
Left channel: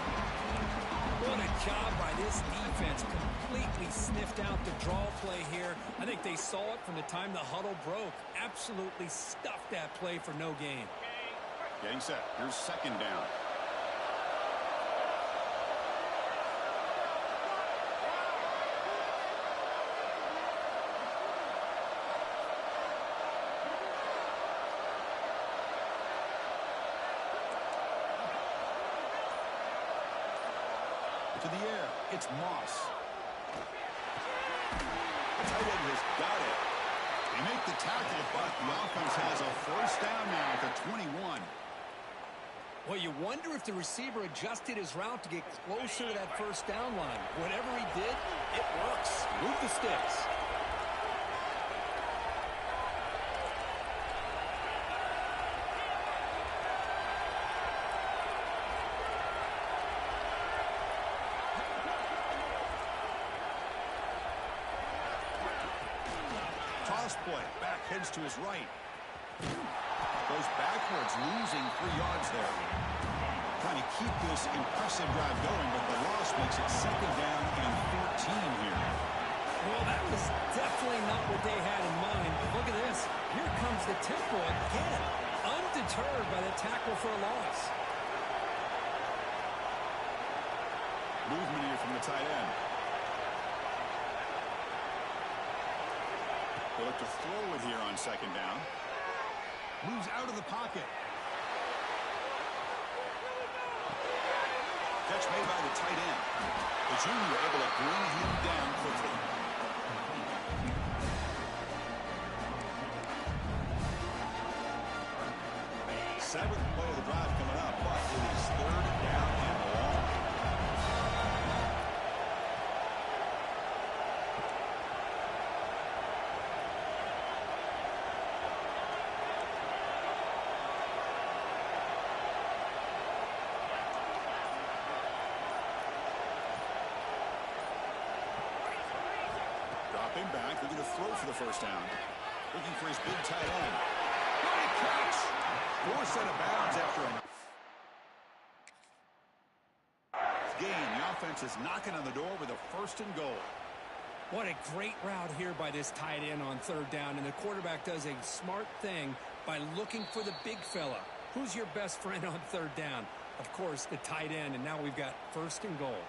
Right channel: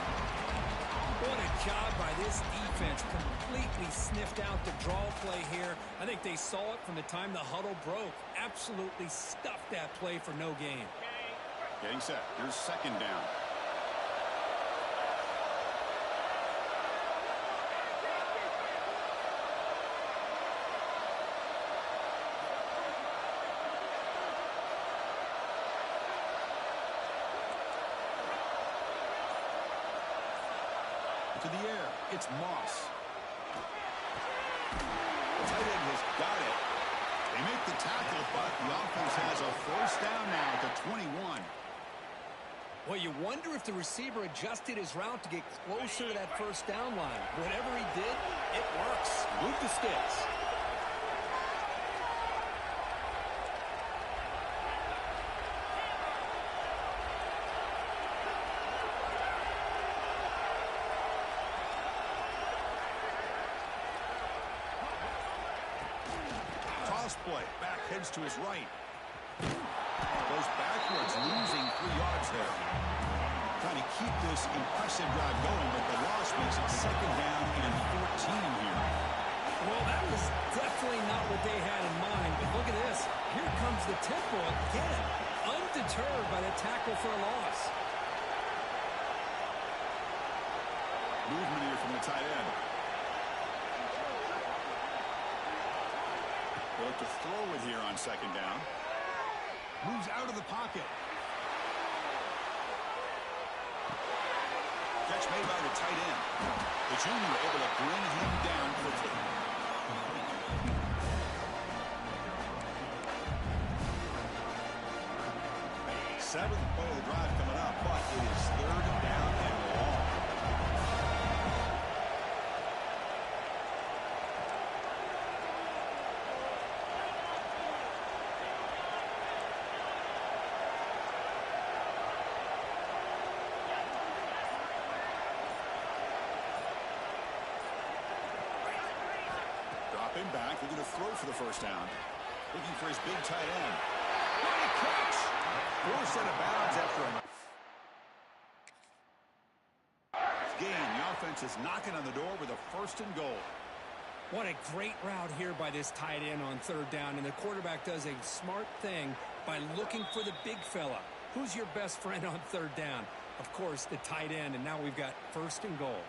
What a job by this defense. Completely sniffed out the draw play here. I think they saw it from the time the huddle broke. Absolutely stuffed that play for no gain. Getting set. Here's 2nd down. To the air, it's Moss. The tight end has got it. They make the tackle, but the offense has a first down now at the 21. Well, you wonder if the receiver adjusted his route to get closer to that first down line. Whatever he did, it works. Move the sticks. Play. Back heads to his right. Goes backwards, losing 3 yards there. Trying to keep this impressive drive going, but the loss makes it 2nd down and 14 here. Well, that was definitely not what they had in mind. But look at this. Here comes the tempo again. Undeterred by the tackle for a loss. Movement here from the tight end. They look to throw it here on 2nd down. Moves out of the pocket. Catch made by the tight end. The junior able to bring him down quickly. Seventh play of the drive coming up, but it is third down and long. Dropping back, looking to throw for the first down. Looking for his big tight end. What a catch! Forced out of bounds after a gain. The offense is knocking on the door with a first and goal. What a great route here by this tight end on third down, and the quarterback does a smart thing by looking for the big fella. Who's your best friend on third down? Of course, the tight end, and now we've got first and goal.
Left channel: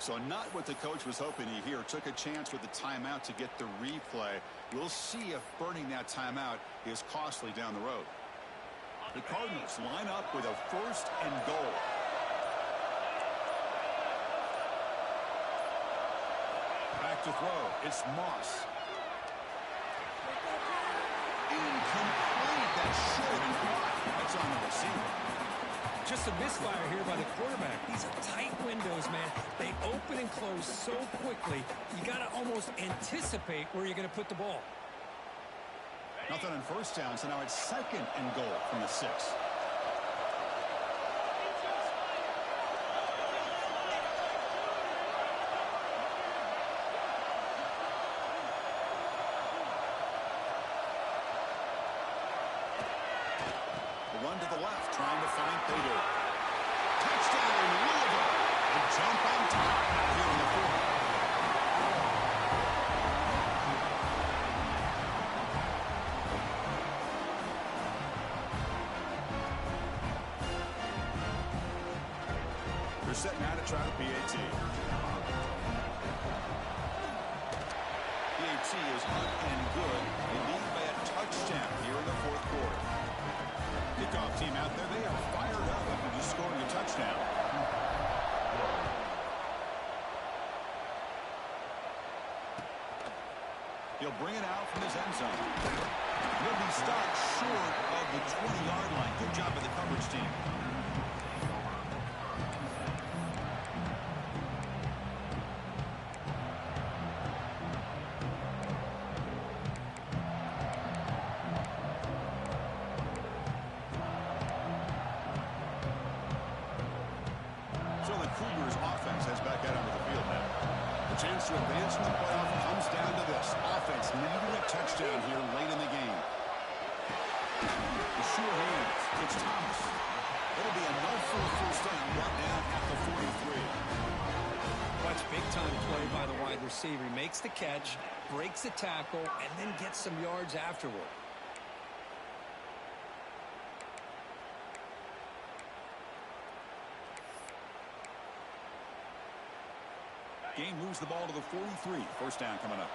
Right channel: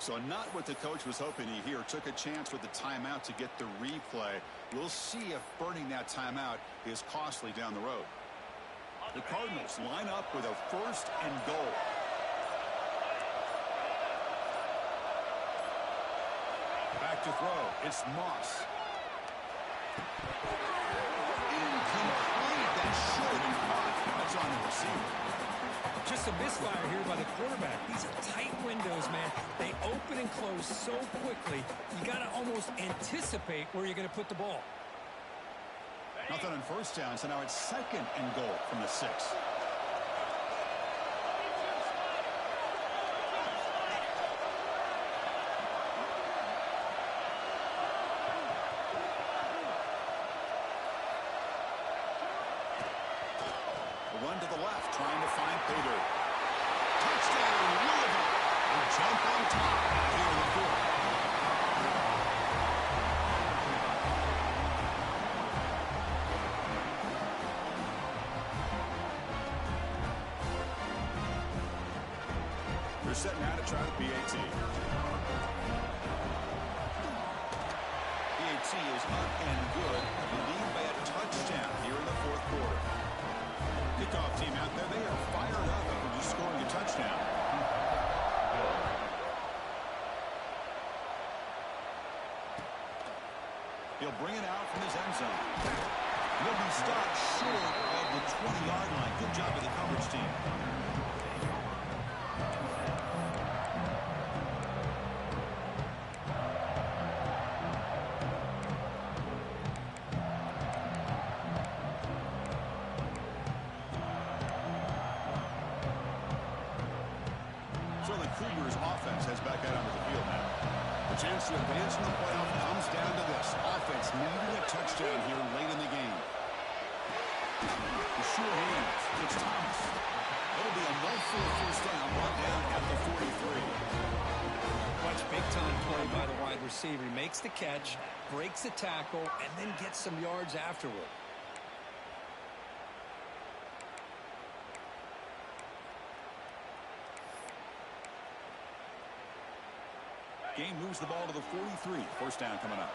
So not what the coach was hoping to hear. Took a chance with the timeout to get the replay. We'll see if burning that timeout is costly down the road. The Cardinals line up with a first and goal. Back to throw. It's Moss. Incomplete. That should have been caught. That's on the receiver. Just a misfire here by the quarterback. These are tight windows, man. They open and close so quickly, you got to almost anticipate where you're going to put the ball. Nothing on first down, so now it's second and goal from the 6. One to the left, trying to find Pater. Touchdown, Louisville. They jump on top now here in the 4th. They're setting out to try the PAT. PAT is up and good. They lead by a touchdown here in the 4th quarter. Kickoff team out there, they are fired up after just scoring a touchdown. He'll bring it out from his end zone. He'll be stopped short of the 20-yard line. Good job by the coverage team. So the Cougars offense heads back out onto the field now. The chance to advance in the playoff comes down to this. Offense needing a touchdown here late in the game. The sure hands. It's Thomas. It'll be enough for a first down, brought down at the 43. Watch big-time play by the wide receiver. He makes the catch, breaks the tackle, and then gets some yards afterward. Game moves the ball to the 43. First down coming up.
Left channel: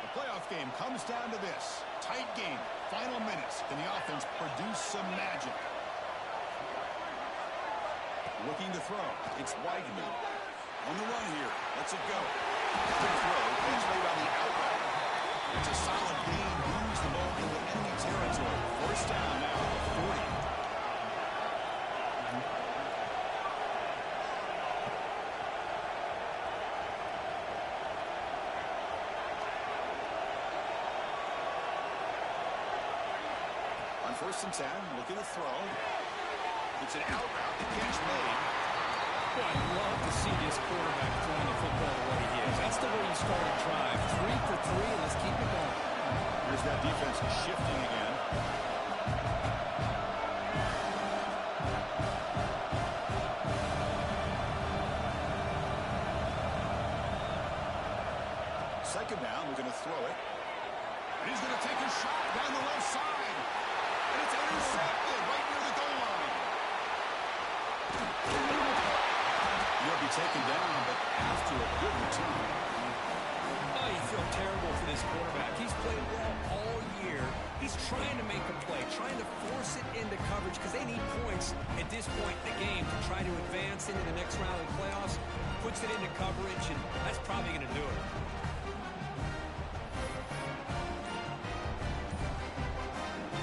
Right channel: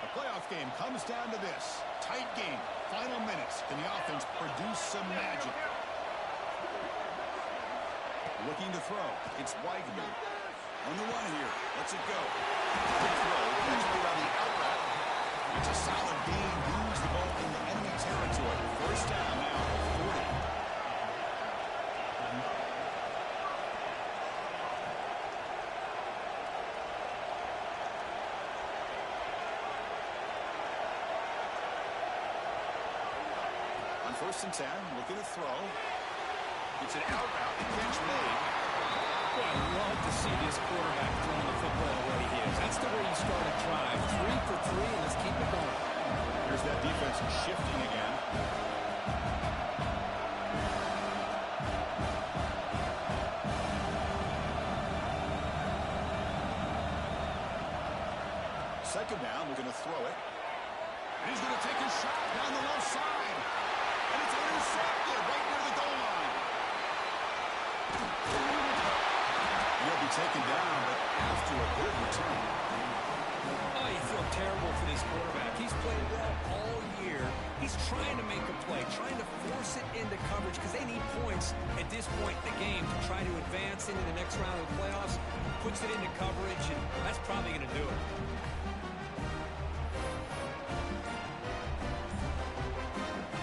The playoff game comes down to this. Tight game. Final minutes. Can the offense produce some magic? Looking to throw. It's Weigman. On the run here. Lets it go. Quick throw. Catch made on the out route. It's a solid gain. Moves the ball into enemy territory. First down now at the 40. On 1st and 10, looking to throw. It's an out route. The catch made. Boy, I love to see this quarterback throwing the football the way he is. That's the way you start a drive. 3 for 3, and let's keep it going. Here's that defense shifting again. Second down, we're going to throw it. And he's going to take a shot down the left side. And it's intercepted right near the goal line. be taken down, but after a good return. Oh, you feel terrible for this quarterback. He's played well all year. He's trying to make a play, trying to force it into coverage because they need points at this point in the game to try to advance into the next round of the playoffs. Puts it into coverage, and that's probably going to do it.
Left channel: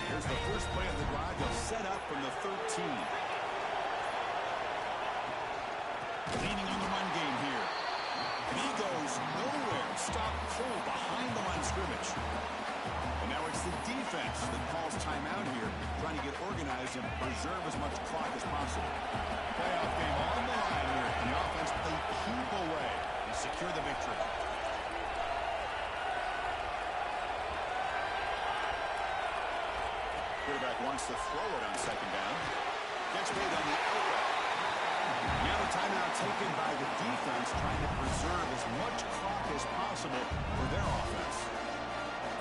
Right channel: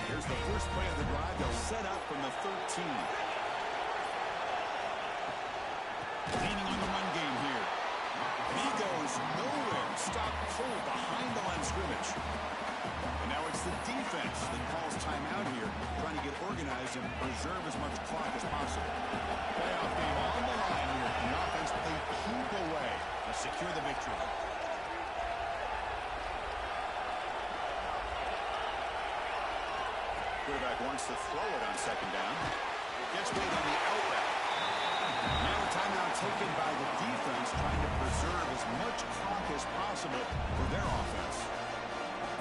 Here's the first play of the drive. They'll set up from the 13. Leaning on the run game here. And he goes nowhere. Stop cold behind the line of scrimmage. And now it's the defense that calls timeout here, trying to get organized and preserve as much clock as possible. Playoff game on the line here. And the offense play keep away and secure the victory. Quarterback wants to throw it on second down. Gets made on the out route. Now a timeout taken by the defense, trying to preserve as much clock as possible for their offense.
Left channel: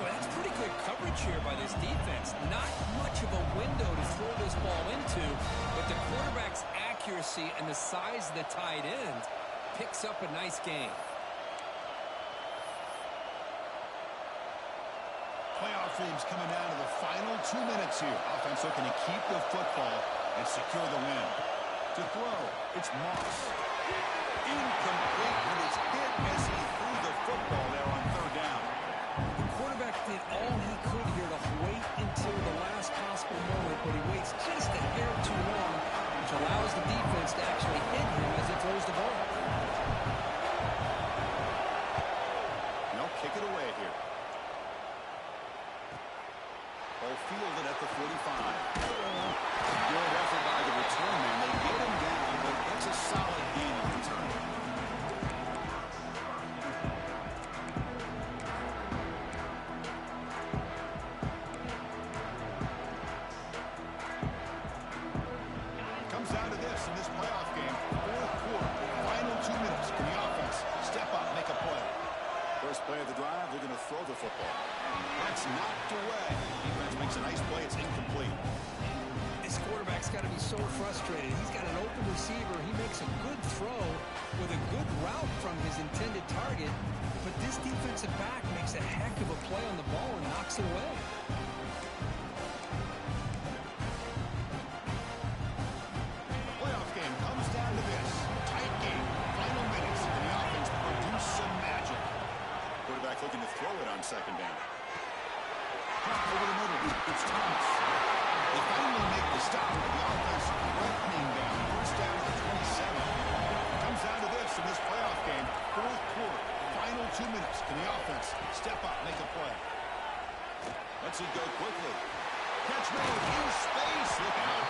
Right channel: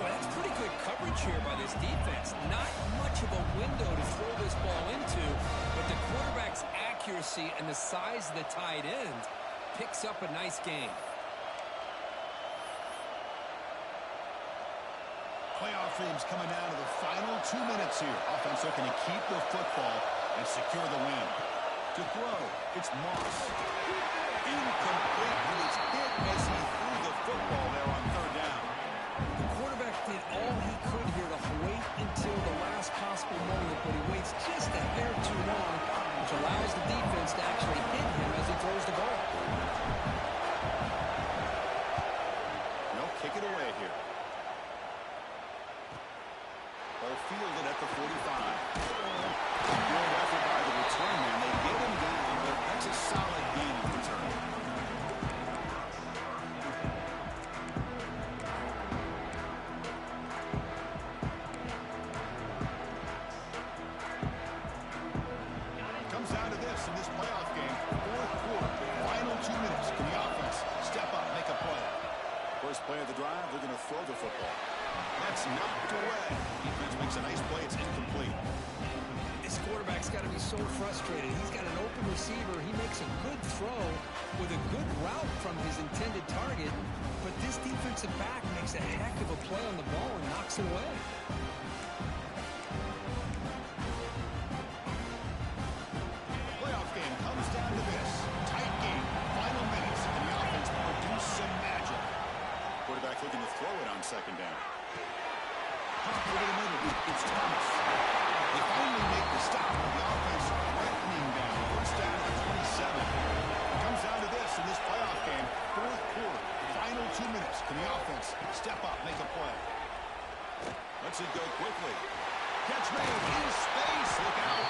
Boy, that's pretty good coverage here by this defense. Not much of a window to throw this ball into, but the quarterback's accuracy and the size of the tight end picks up a nice game. Playoff themes coming down to the final 2 minutes here. Offense looking to keep the football and secure the win. To throw, it's Moss. Incomplete, but it's hit as he threw the football there on third down. The quarterback did all he could here to wait until the last possible moment, but he waits just a hair too long, which allows the defense to actually hit him as he throws the ball. No, kick it away here. Ball fielded at the 45. Good effort by the return man. They get him down, but that's a solid gain of return. Comes down to this in this playoff game. Fourth quarter, final 2 minutes. Can the offense step up, make a play? First play of the drive, they're going to throw the football. That's knocked away. Defense makes a nice play. It's incomplete. This quarterback's got to be so frustrated. He's got an open receiver. He makes a good throw with a good route from his intended target, but this defensive back makes a heck of a play on the ball and knocks it away. The playoff game comes down to this. Tight game. Final minutes. Can the offense produce some magic? Quarterback looking to throw it on second down. Pop over the middle. It's Thomas. They finally make the stop. The offense threatening down. First down to the 27. It comes down to this in this playoff game. Fourth quarter. Final 2 minutes. Can the offense step up, make a play? Lets it go quickly. Catch made in space. Look out.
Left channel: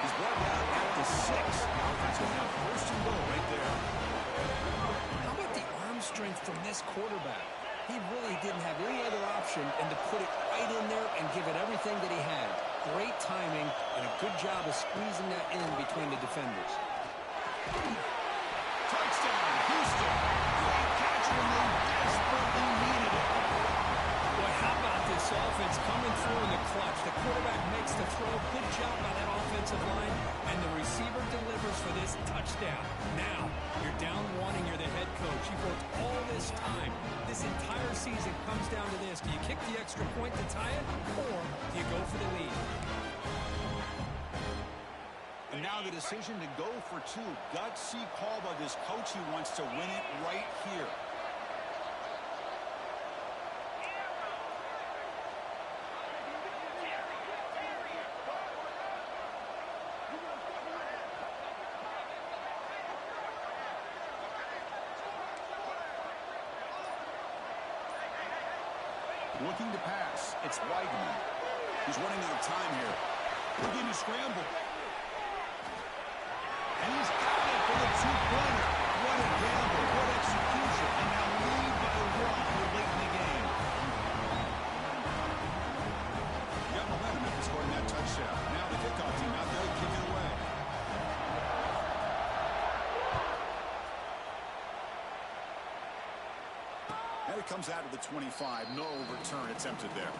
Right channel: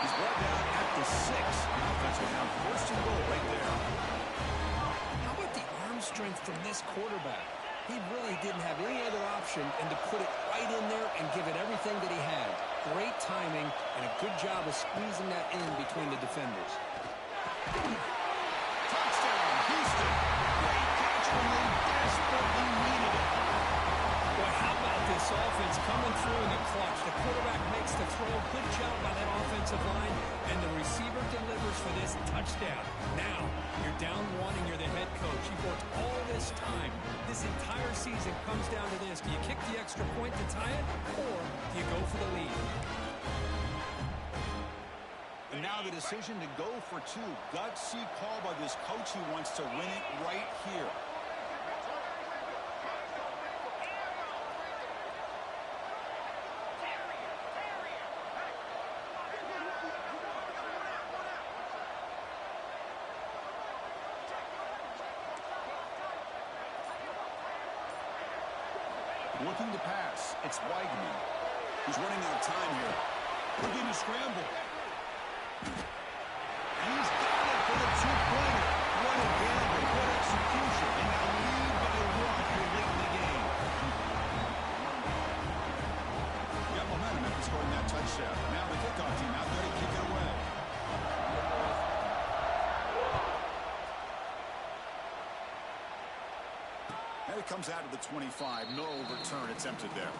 He's brought down at the 6. The offense will have first and goal right there. How about the arm strength from this quarterback? He really didn't have any other option than to put it right in there and give it everything that he had. Great timing and a good job of squeezing that in between the defenders. Touchdown, Houston. Great catch when they desperately needed it. Boy, how about this offense coming through in the clutch? The quarterback makes the throw. Good job by that offensive line. And the receiver delivers for this touchdown. Now, you're down 1 and you're the head coach. You've worked all this time. This entire season comes down to this. Do you kick the extra point to tie it, or do you go for the lead? And now the decision to go for 2. Gutsy call by this coach. He wants to win it right here. Looking to pass. It's Weigman. He's running out of time here. Looking to scramble. And he's got it for the 2-pointer. What a gamble. What execution. And now lead by 1 here late in the game. Got momentum after scoring that touchdown. Now the kickoff team out there to kick it away. And it comes out of the 25. No return attempted there.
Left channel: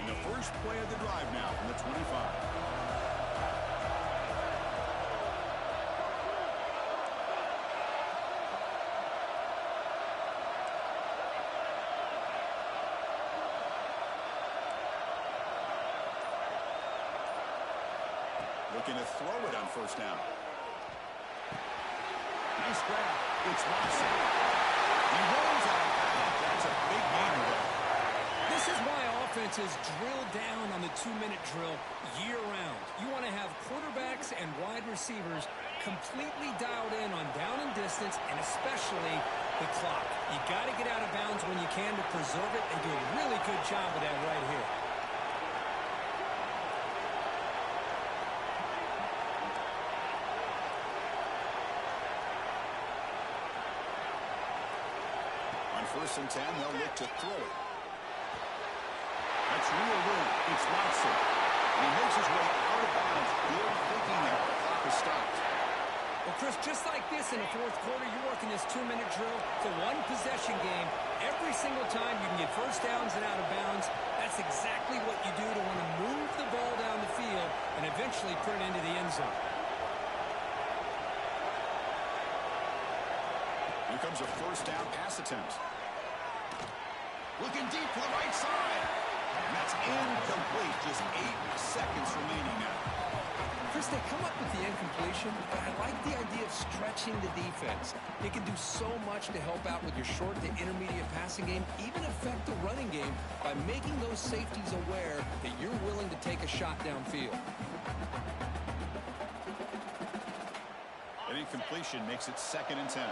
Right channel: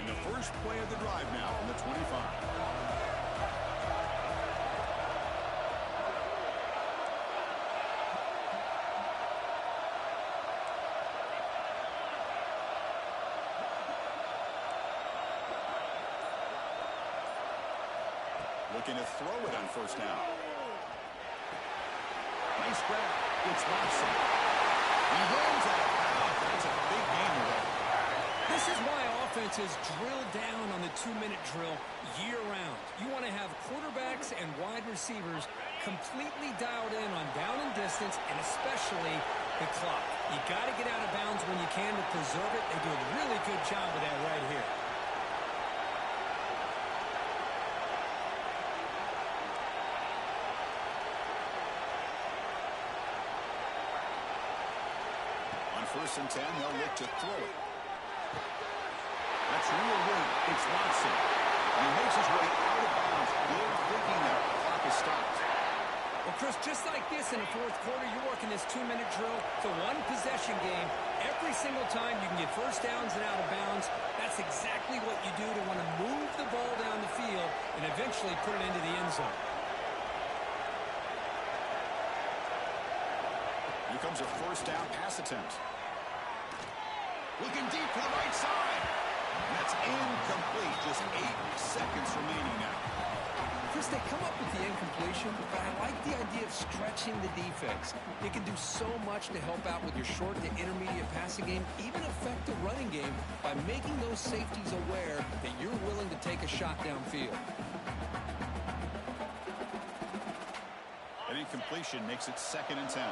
And the first play of the drive now from the 25. Looking to throw it on first down. Nice grab. It's Watson. He runs out of bounds. That's a big gainer there. This is why offenses drill down on the 2-minute drill year-round. You want to have quarterbacks and wide receivers completely dialed in on down and distance, and especially the clock. You got to get out of bounds when you can to preserve it. They do a really good job with that right here. On 1st and 10, they'll look to throw it. That's real room. It's Watson. And he makes his way out of bounds. Good thinking there. The clock is stopped. Well, Chris, just like this in the 4th quarter, you're working this 2-minute drill. It's a one-possession game. Every single time you can get first downs and out of bounds. That's exactly what you do to want to move the ball down the field and eventually put it into the end zone. Here comes a first down pass attempt. Looking deep to the right side. And that's incomplete. Just 8 seconds remaining now. Chris, they come up with the incompletion, but I like the idea of stretching the defense. It can do so much to help out with your short to intermediate passing game, even affect the running game by making those safeties aware that you're willing to take a shot downfield. An incompletion makes it 2nd and 10.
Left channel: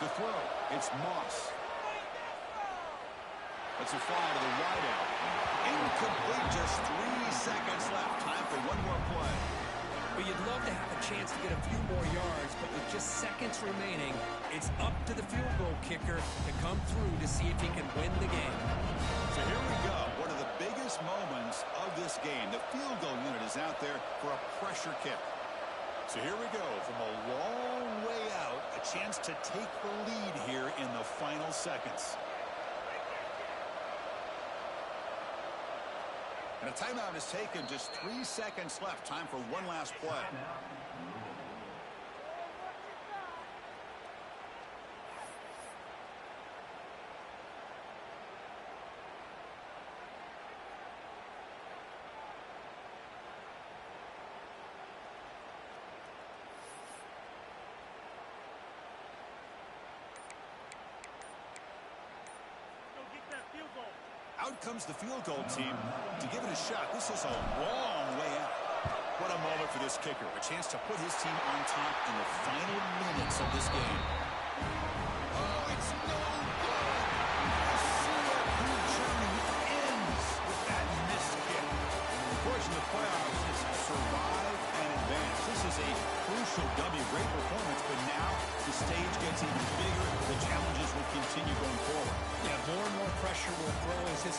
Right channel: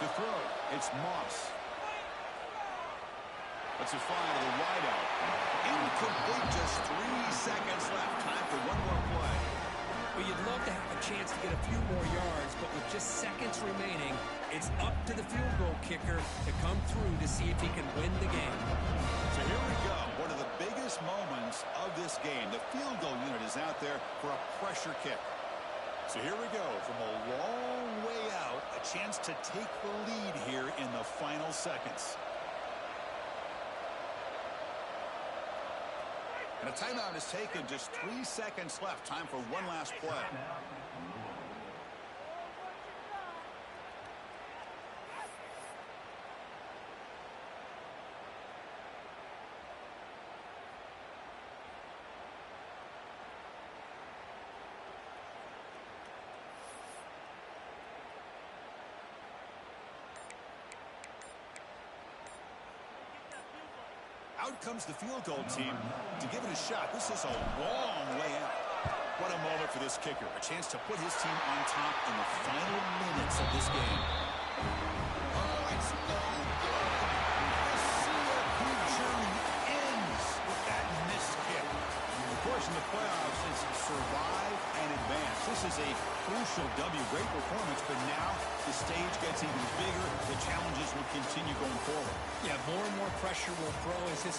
To throw, it's Moss. Lets it fly to the wideout. Incomplete, just 3 seconds left. Time for one more play. Well, you'd love to have a chance to get a few more yards, but with just seconds remaining, it's up to the field goal kicker to come through to see if he can win the game. So here we go. One of the biggest moments of this game. The field goal unit is out there for a pressure kick. So here we go, from a long way out, a chance to take the lead here in the final seconds. And a timeout is taken, just 3 seconds left. Time for one last play. Out comes the field goal team to give it a shot. This is a long way out. What a moment for this kicker. A chance to put his team on top in the final minutes of this game. Oh, it's no good. The CFP journey ends with that missed kick. Of course, in the playoffs, it's survive and advance. This is a crucial W. Great performance, but now the stage gets even bigger. The challenges will continue going forward. Yeah, more and more pressure will grow as his